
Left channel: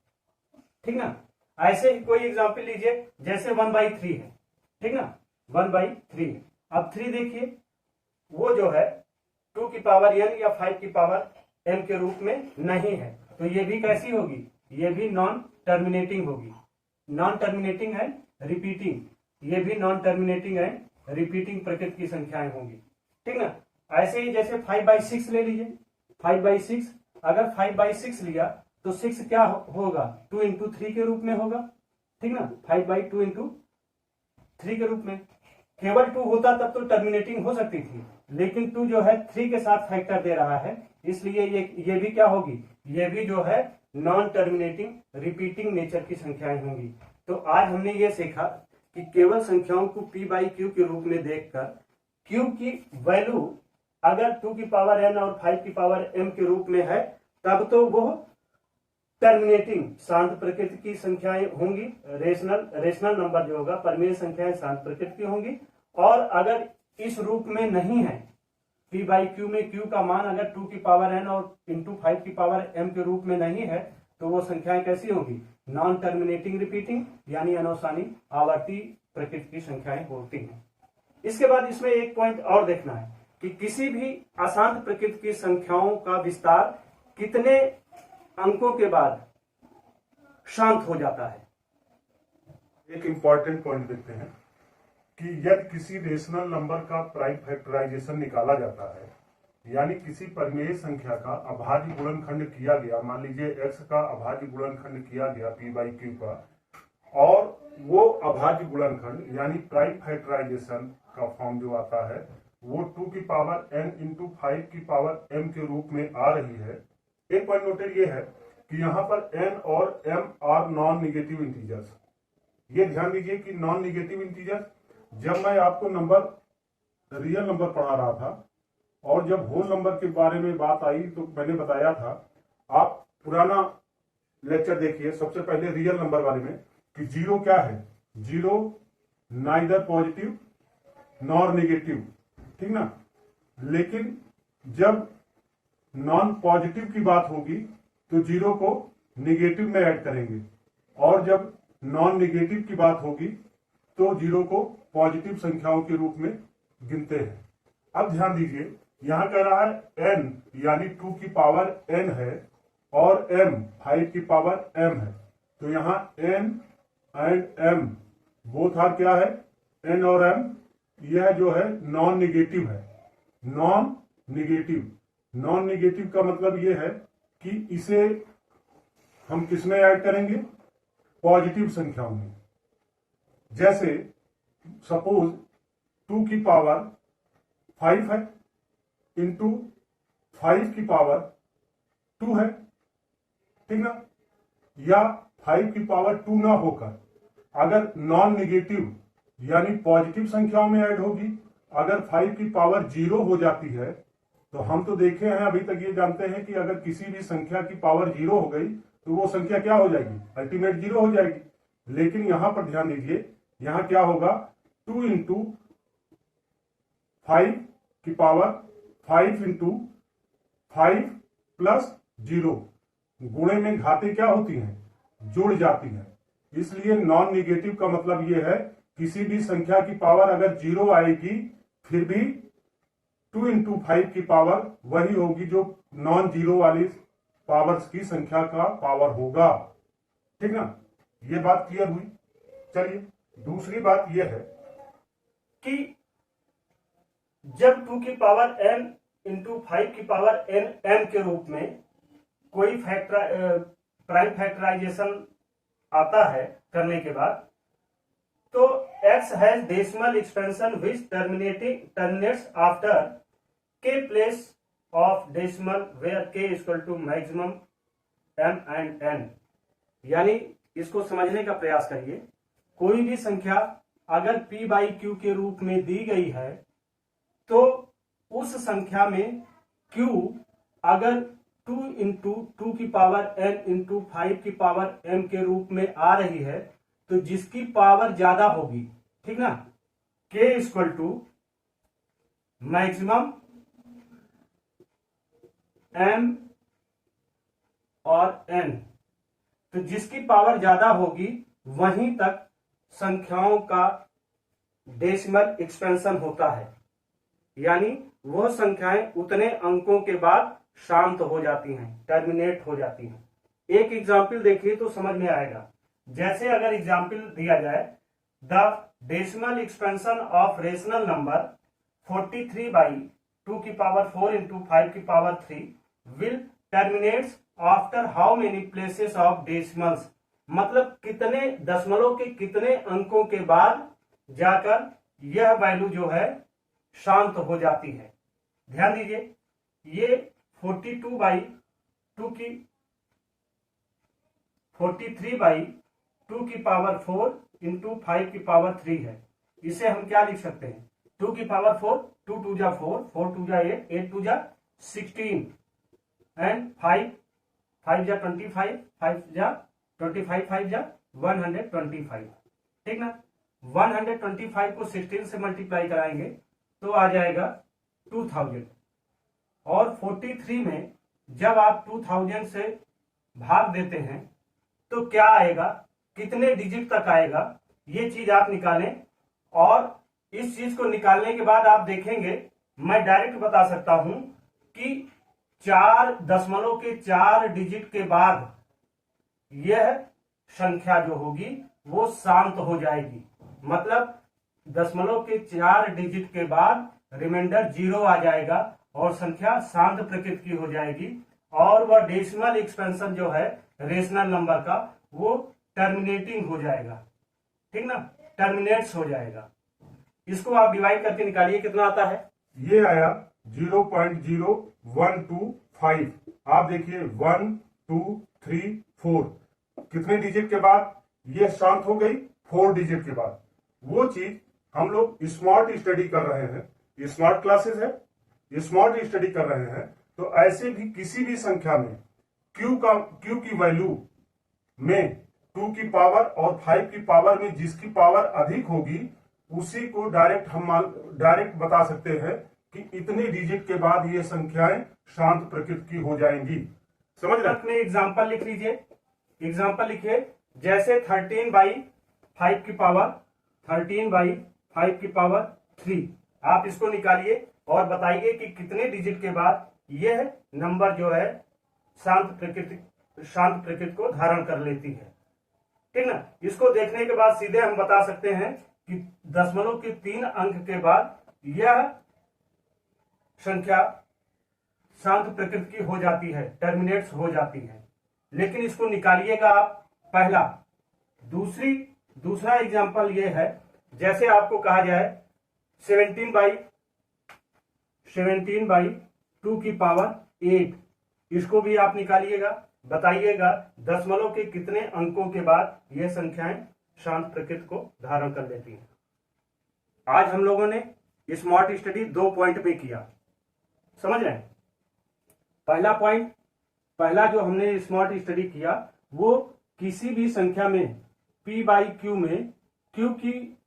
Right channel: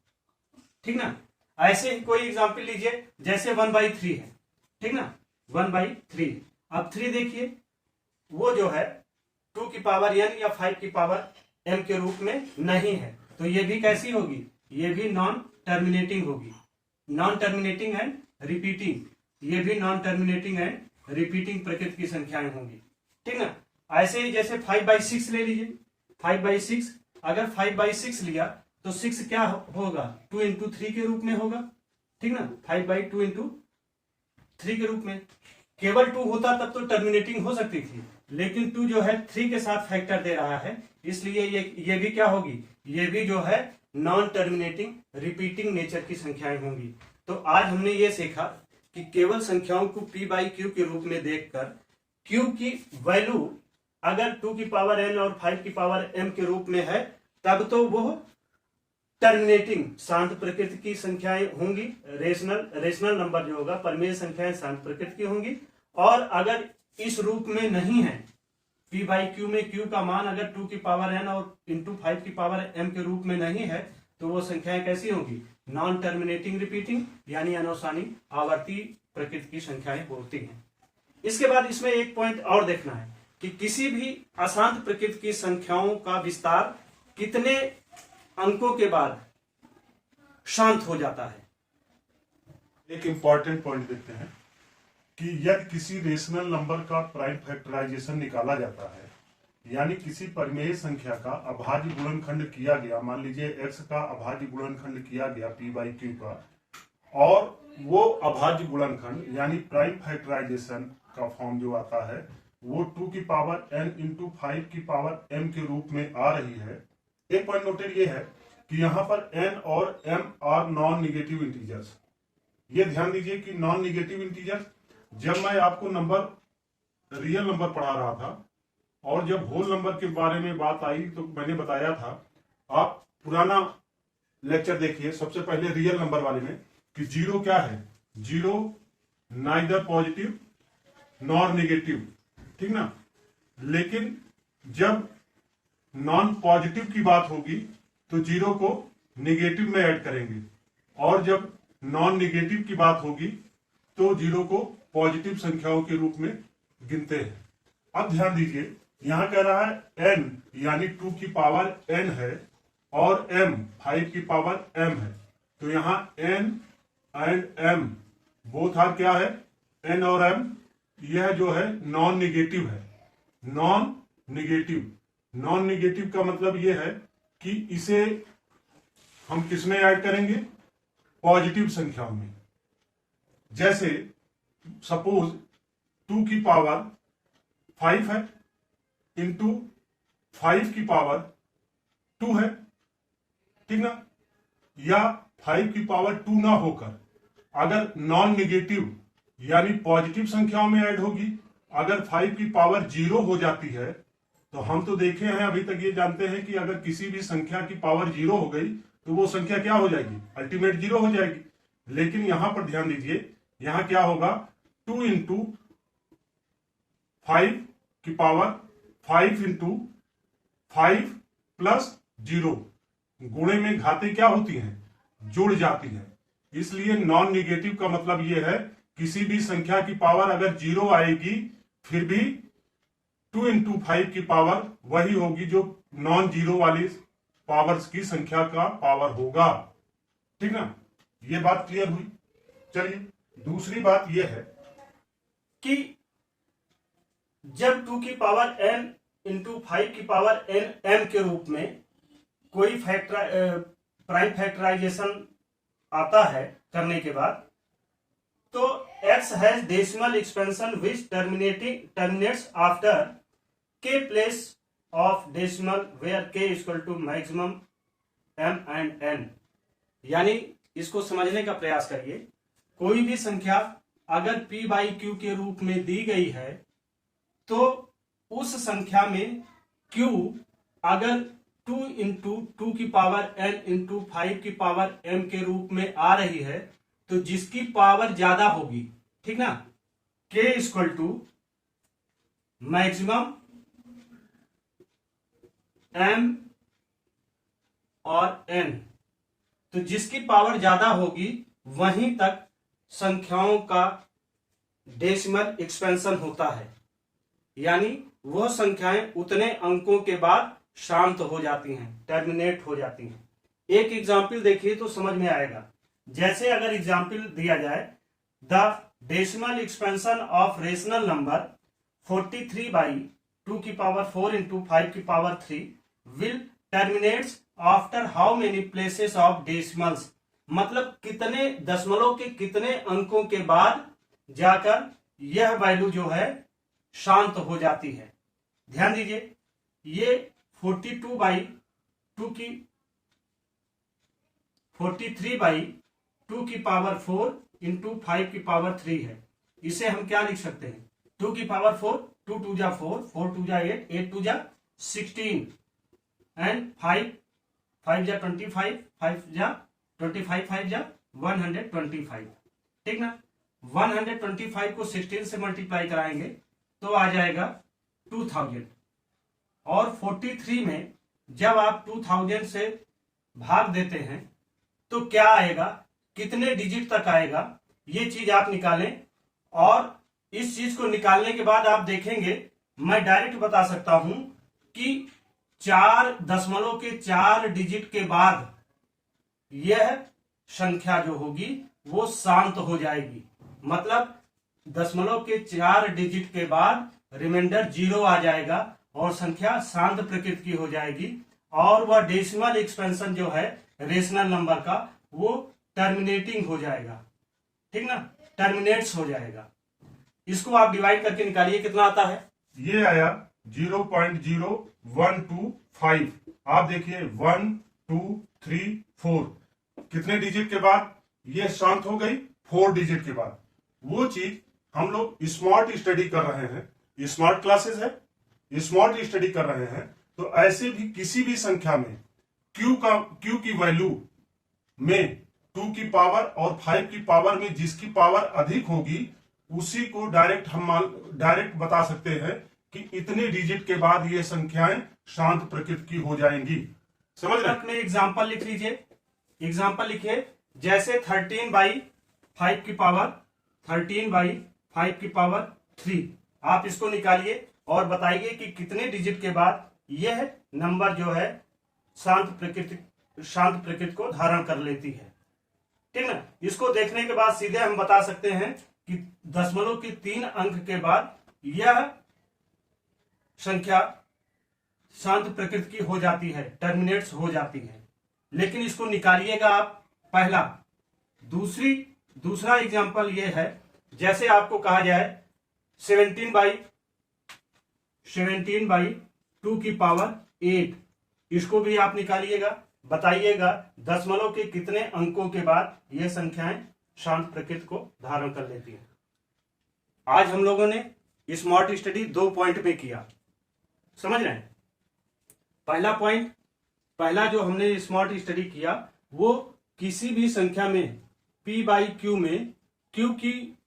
ठीक ना। ऐसे ही कोई एग्जांपल लीजिए, जैसे 1/3 है, ठीक ना, 1/3। अब 3 देखिए वो जो है 2 की पावर n या 5 की पावर m के रूप में नहीं है, तो ये भी कैसी होगी, ये भी नॉन टर्मिनेटिंग होगी, नॉन टर्मिनेटिंग एंड रिपीटिंग, ये भी नॉन टर्मिनेटिंग एंड रिपीटिंग प्रकृति की संख्याएं होंगी, ठीक ना। ऐसे ही जैसे 5/6 ले लीजिए, 5/6, अगर 5/6 लिया तो 6 क्या होगा, 2 इंटू 3 के रूप में होगा, ठीक ना, 5/2 इंटू 3 के रूप में। केवल 2 होता तब तो टर्मिनेटिंग हो सकती थी, लेकिन 2 जो है 3 के साथ फैक्टर दे रहा है, इसलिए ये भी क्या होगी, ये भी जो है नॉन टर्मिनेटिंग रिपीटिंग नेचर की संख्याएं होंगी। तो आज हमने ये सीखा कि केवल संख्याओं को p/q के रूप में देखकर q की वैल्यू अगर 2 की पावर n और 5 की पावर m के रूप में है तब तो वो टर्मिनेटिंग शांत प्रकृति की संख्याएं होंगी, रेशनल नंबर जो होगा, परिमेय संख्याएं शांत प्रकृति की होंगी। और अगर इस रूप में नहीं है, p/q में q का मान अगर 2 की पावर n और इंटू 5 की पावर m के रूप में नहीं है, तो वो संख्याएं कैसी होंगी, नॉन टर्मिनेटिंग रिपीटिंग यानी अनवसानी आवर्ती प्रकृति की संख्याएं होती हैं। इसके बाद इसमें एक पॉइंट और देखना है कि किसी भी अशांत प्रकृति की संख्याओं का विस्तार कितने अंकों के बाद शांत हो जाता है। एक इंपॉर्टेंट पॉइंट देखते हैं कि यदि किसी रेशनल नंबर का प्राइम फैक्टराइजेशन निकाला जाता है, यानी किसी परिमेय संख्या का अभाज्य गुणनखंड किया गया, मान लीजिए x का अभाज्य गुणनखंड किया गया p/q का, और वो अभाज्य गुणनखंड यानी प्राइम फैक्टराइजेशन का फॉर्म जो आता है वो 2 की पावर n इंटू 5 की पावर m के रूप में आ रही है। एक पॉइंट नोटेड ये है कि यहाँ पर n और m are non negative integers. ये ध्यान दीजिए कि नॉन निगेटिव इंटीजर्स, जब मैं आपको रियल नंबर पढ़ा रहा था और जब होल नंबर के बारे में बात आई तो मैंने बताया था, आप पुराना लेक्चर देखिए, सबसे पहले रियल नंबर वाले में, कि जीरो क्या है, zero neither positive nor negative, ठीक ना। लेकिन जब नॉन पॉजिटिव की बात होगी तो जीरो को निगेटिव में ऐड करेंगे, और जब नॉन नेगेटिव की बात होगी तो जीरो को पॉजिटिव संख्याओं के रूप में गिनते हैं। अब ध्यान दीजिए, यहां कह रहा है n यानी 2 की पावर n है और m 5 की पावर m है, तो यहां n and m both are क्या है, n और m, यह जो है नॉन निगेटिव है। नॉन निगेटिव का मतलब यह है कि इसे हम किस में ऐड करेंगे, पॉजिटिव संख्याओं में। जैसे सपोज 2 की पावर 5 है इंटू 5 की पावर 2 है, ठीक ना। या 5 की पावर 2 ना होकर अगर नॉन निगेटिव यानी पॉजिटिव संख्याओं में ऐड होगी, अगर 5 की पावर 0 हो जाती है, तो हम तो देखे हैं अभी तक, ये जानते हैं कि अगर किसी भी संख्या की पावर 0 हो गई तो वो संख्या क्या हो जाएगी, अल्टीमेट 0 हो जाएगी। लेकिन यहां पर ध्यान दीजिए, यहां क्या होगा, 2 इंटू 5 की पावर 5 इंटू 5 प्लस 0, गुणे में घातें क्या होती हैं, जुड़ जाती हैं। इसलिए नॉन निगेटिव का मतलब यह है किसी भी संख्या की पावर अगर 0 आएगी फिर भी 2 इंटू 5 की पावर वही होगी जो नॉन जीरो वाली पावर्स की संख्या का पावर होगा, ठीक ना। ये बात क्लियर हुई। चलिए दूसरी बात यह है कि जब 2 की पावर n इंटू 5 की पावर n m के रूप में कोई प्राइम फैक्टराइजेशन आता है करने के बाद, तो x has decimal expansion which terminates after k place of decimal where k equal to maximum m and n। यानी इसको समझने का प्रयास करिए, कोई भी संख्या अगर p बाई q के रूप में दी गई है तो उस संख्या में q अगर 2 इंटू 2 की पावर n इंटू 5 की पावर m के रूप में आ रही है, तो जिसकी पावर ज्यादा होगी, ठीक ना, k equal to maximum m और n, तो जिसकी पावर ज्यादा होगी वहीं तक संख्याओं का डेसिमल एक्सपेंशन होता है, यानी वह संख्याएं उतने अंकों के बाद शांत हो जाती हैं, टर्मिनेट हो जाती हैं। एक एग्जाम्पल देखिए तो समझ में आएगा। जैसे अगर एग्जाम्पल दिया जाए, the decimal expansion of rational number 43 by 2 की पावर 4 इंटू 5 की power 3 will terminates after how many places of decimals. मतलब कितने दशमलव के कितने अंकों के बाद जाकर यह वैल्यू जो है शांत हो जाती है। ध्यान दीजिए, ये 43 बाई 2 की 43 बाई 2 की पावर 4 इंटू 5 की पावर 3 है। इसे हम क्या लिख सकते हैं, 2 की पावर 4, 2 2 जा 4, 4 2 जा 8, 8 2 जा 16 एंड 5 5 जा 25, 5 जा 25, 5 जा 125, ठीक ना। 125 को 16 से मल्टीप्लाई कराएंगे तो आ जाएगा 2000, और 43 में जब आप 2000 से भाग देते हैं तो क्या आएगा, कितने डिजिट तक आएगा, ये चीज आप निकालें। और इस चीज को निकालने के बाद आप देखेंगे, मैं डायरेक्ट बता सकता हूं कि 4 डिजिट के बाद यह संख्या जो होगी वो शांत हो जाएगी। मतलब 4 डिजिट के बाद रिमाइंडर 0 आ जाएगा और संख्या शांत प्रकृति की हो जाएगी, और वह डेसिमल एक्सपेंशन जो है रेशनल नंबर का वो टर्मिनेटिंग हो जाएगा, ठीक ना, टर्मिनेट्स हो जाएगा। इसको आप डिवाइड करके निकालिए, कितना आता है, ये आया 0.0125। आप देखिए 1 2 3 4 कितने डिजिट के बाद ये शांत हो गई, 4 डिजिट के बाद। वो चीज हम लोग स्मार्ट स्टडी कर रहे हैं, स्मार्ट क्लासेस है, स्मार्ट स्टडी कर रहे हैं। तो ऐसे भी किसी भी संख्या में Q की वैल्यू में 2 की पावर और 5 की पावर में जिसकी पावर अधिक होगी उसी को डायरेक्ट बता सकते हैं कि इतने डिजिट के बाद ये संख्याएं शांत प्रकृति की हो जाएंगी। समझ रहे? अपने एग्जाम्पल लिख लीजिए, एग्जाम्पल लिखिए, जैसे 13 बाई 5 की पावर 13 बाई 5 की पावर 3, आप इसको निकालिए और बताइए कि कितने डिजिट के बाद यह नंबर जो है शांत प्रकृति को धारण कर लेती है। ठीक ना। इसको देखने के बाद सीधे हम बता सकते हैं कि दशमलव के 3 अंक के बाद यह संख्या शांत प्रकृति की हो जाती है, टर्मिनेट्स हो जाती है। लेकिन इसको निकालिएगा आप पहला। दूसरा एग्जांपल ये है, जैसे आपको कहा जाए 17/2 की पावर 8, इसको भी आप निकालिएगा, बताइएगा दशमलव के कितने अंकों के बाद ये संख्याएं शांत प्रकृति को धारण कर लेती हैं। आज हम लोगों ने स्मार्ट स्टडी 2 पॉइंट पे किया, समझ रहे हैं। पहला जो हमने स्मार्ट स्टडी किया वो किसी भी संख्या में p/q में q की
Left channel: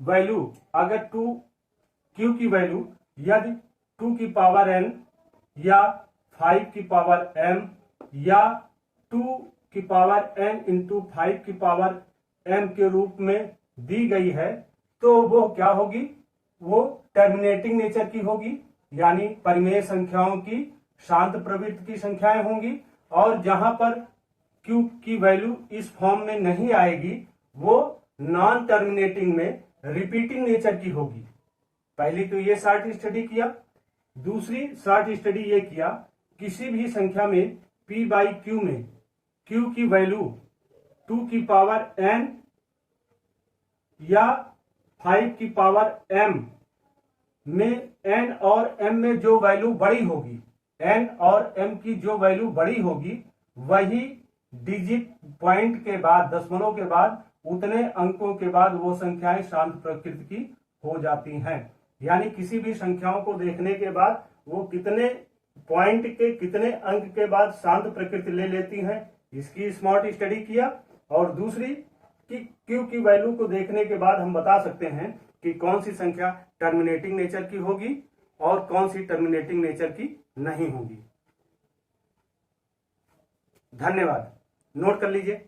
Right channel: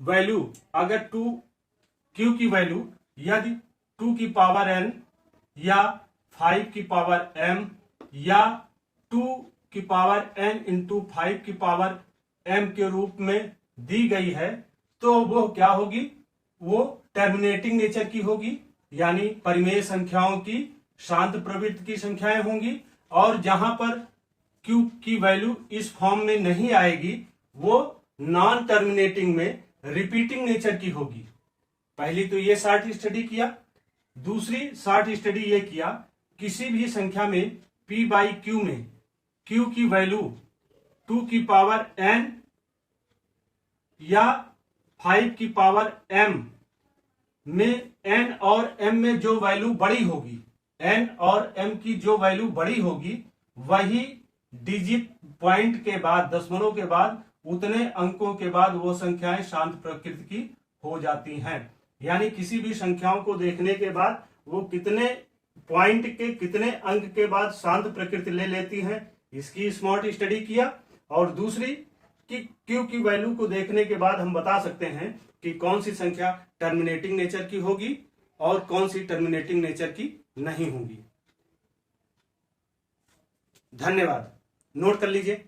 वैल्यू अगर q की वैल्यू यदि 2 की पावर n या 5 की पावर m या 2 की पावर n इंटू 5 की पावर m के रूप में दी गई है तो वो क्या होगी, वो टर्मिनेटिंग नेचर की होगी, यानी परिमेय संख्याओं की शांत प्रवृत्ति की संख्याएं होंगी। और जहां पर q की वैल्यू इस फॉर्म में नहीं आएगी वो नॉन टर्मिनेटिंग में रिपीटिंग नेचर की होगी। पहली तो ये शॉर्ट स्टडी किया। दूसरी शॉर्ट स्टडी ये किया, किसी भी संख्या में p/q में q की वैल्यू 2 की पावर n या 5 की पावर m में n और m में जो वैल्यू बड़ी होगी, n और m की जो वैल्यू बड़ी होगी वही डिजिट पॉइंट के बाद, दशमलव के बाद, उतने अंकों के बाद वो संख्याएं शांत प्रकृति की हो जाती हैं। यानी किसी भी संख्याओं को देखने के बाद वो कितने पॉइंट के कितने अंक के बाद शांत प्रकृति ले लेती हैं, इसकी स्मार्ट स्टडी किया। और दूसरी कि क्यू की वैल्यू को देखने के बाद हम बता सकते हैं कि कौन सी संख्या टर्मिनेटिंग नेचर की होगी और कौन सी टर्मिनेटिंग नेचर की नहीं होगी। धन्यवाद। नोट कर लीजिए।